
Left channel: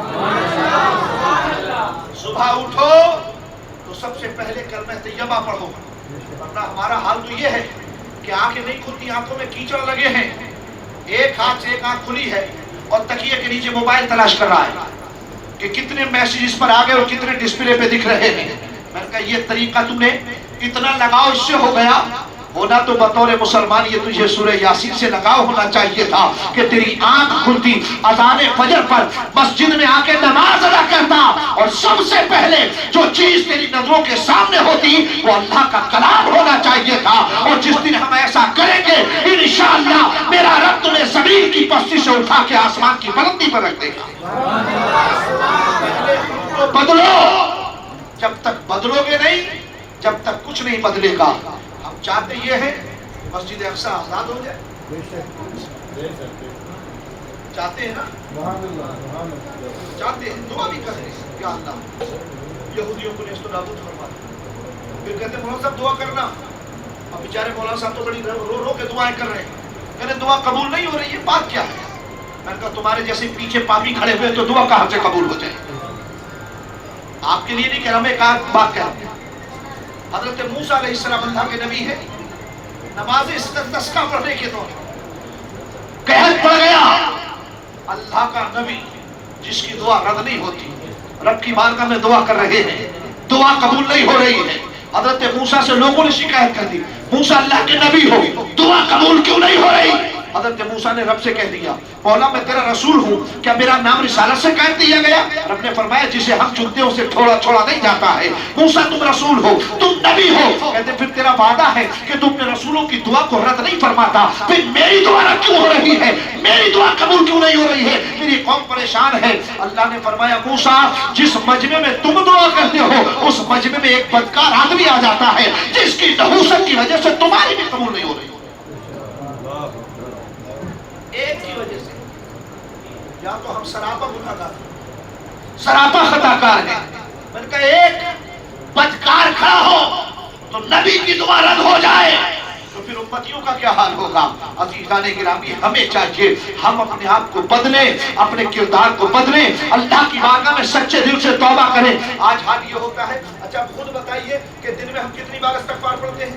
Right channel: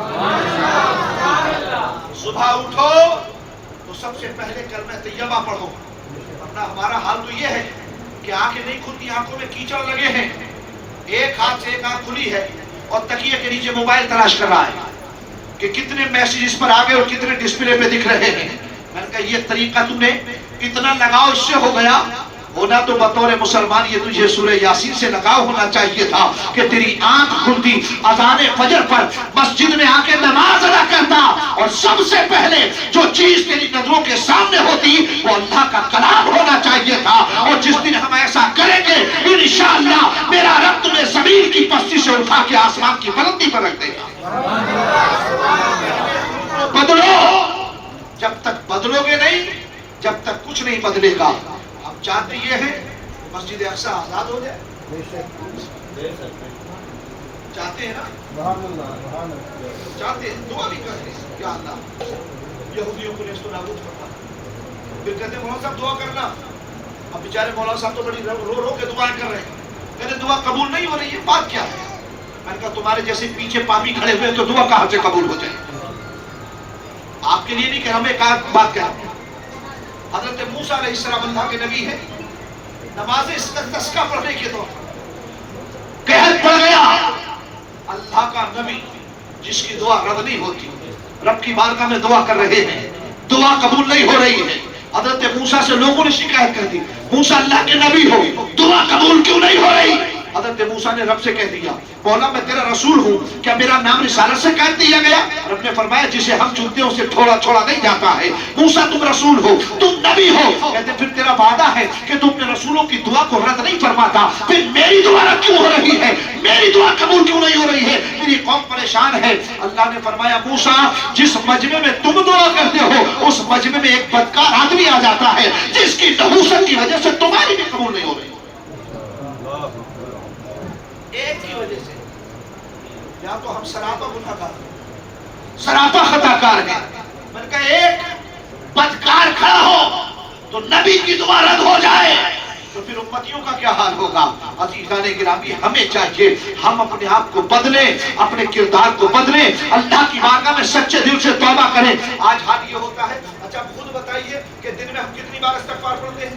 صبح اٹھو تو سب سے پہلے کلمہ طیبہ پڑھو، ورنہ ہمارا حال تو یہ ہے کہ آنکھیں نہیں کھلتی، آنکھوں میں کیچڑ لگے ہیں، ایک ہاتھ سے ایک آنکھ کھلی ہے اور تکیے کے نیچے موبائل تلاش کر رہا ہے کہ کتنے میسیجز پر آگئے اور کتنے ڈسپلے پہ دکھ رہے ہیں. میں نے کہا یہ طریقہ تم نے اتنا لگاؤ اس سے ہو گیا ہونا تو بطور مسلمان یہ تجھے سورہ یاسین سے لگاؤ ہونا چاہیے تھا کہ تیری آنکھ کھلتی اذان فجر پر مسجد میں آ کے نماز ادا کرتا اور سب سے پہلے جو چیز تیری نظروں کے سامنے ہوتی وہ اللہ کا کلام ہونا چاہیے تھا. اور جس دن ہم ایسا کریں گے انشاءاللہ میرا رب تمہیں زمین کی پستی سے اٹھا کے آسمان کی بلندی پر رکھ دے گا. بدلو، جب تک بدلو گے نہیں، جب تک کچھ نہیں بدلے گا. ہم چاہتے یہ ہے مسجد اقصی آزاد ہو جائے، چاہتے ہیں نا، چاہتے ہیں، دعا بھی کریں یا اللہ یہودیوں کو نیست و نابود فرما. پھر کہتے ہیں مولانا صاحب دعا کرنا. اب بیچارے مولانا صاحب تو بڑی رو رو کے دعائیں کر رہے ہیں، کہتے دعا قبول نہیں ہو رہی ہے، بات کیا ہے؟ میں نے کہا تمہارے جیسے پیچھے پاپی کھڑے ہوئے تو دعا کہاں سے قبول ہو جائے؟ آپ کے لیے نہیں کہ ہمیں ایک بات کیا، حضرت موسیٰ علیہ السلام اللہ کے نبی ہے، نماز استسقا پڑھنے کے دور قحط پڑ گیا، اللہ کا نبی جس کی دعا رد نہیں ہوتی، رب کی بارگاہ میں دعا کر رہے ہیں، دعا قبول نہیں ہو رہی ہے. حضرت موسیٰ سے لوگوں نے شکایت کر دی، موسیٰ اللہ کے نبی ہو، دعا قبول کیوں نہیں ہو رہی؟ حضرت موسیٰ نے رب سے کہہ دیا مولا میں تیرا رسول ہوں، کیا میرا نام رسالت سے قید دیا گیا؟ رب نے فرمایا جسے ہم چنتے ہیں اسے چھوڑا نہیں جاتا ہے. موسیٰ تم رسول ہو، تم نبی ہو. کہتے پھر تیرا وعدہ ہے کہ تم نے رسولوں کی دعا کو رد نہیں فرماتا، پھر میری دعا رد کیوں ہو رہی ہے؟ میری دعا قبول کیوں نہیں ہو رہی ہے؟ میری قوم پریشان ہے. اللہ نے فرمایا موسیٰ جس مجمع میں تم دعا کرتے ہو اس مجمع میں ایک بدکار آدمی آ جاتا ہے جس کی نحوست کی وجہ سے تمہاری بھی قبول نہیں ہو رہی. ایک کی وجہ سے یا تو ہم سراپا گناہگار سراپا خطا کار ہیں. میں نے کہا ایک بدکار کھڑا ہو تو نبی کی دعا رد ہو جائے تو پھر امتیوں کا کیا حال ہوگا؟ عزیزان گرامی ہمیں چاہیے ہم اپنے آپ کو بدلیں، اپنے کردار کو بدلیں، اللہ کی بارگاہ میں سچے دل سے توبہ کریں. آج حال یہ ہوتا ہے، اچھا خود بتائیے کہ دن میں ہم کتنی بار استغفار پڑھتے ہیں؟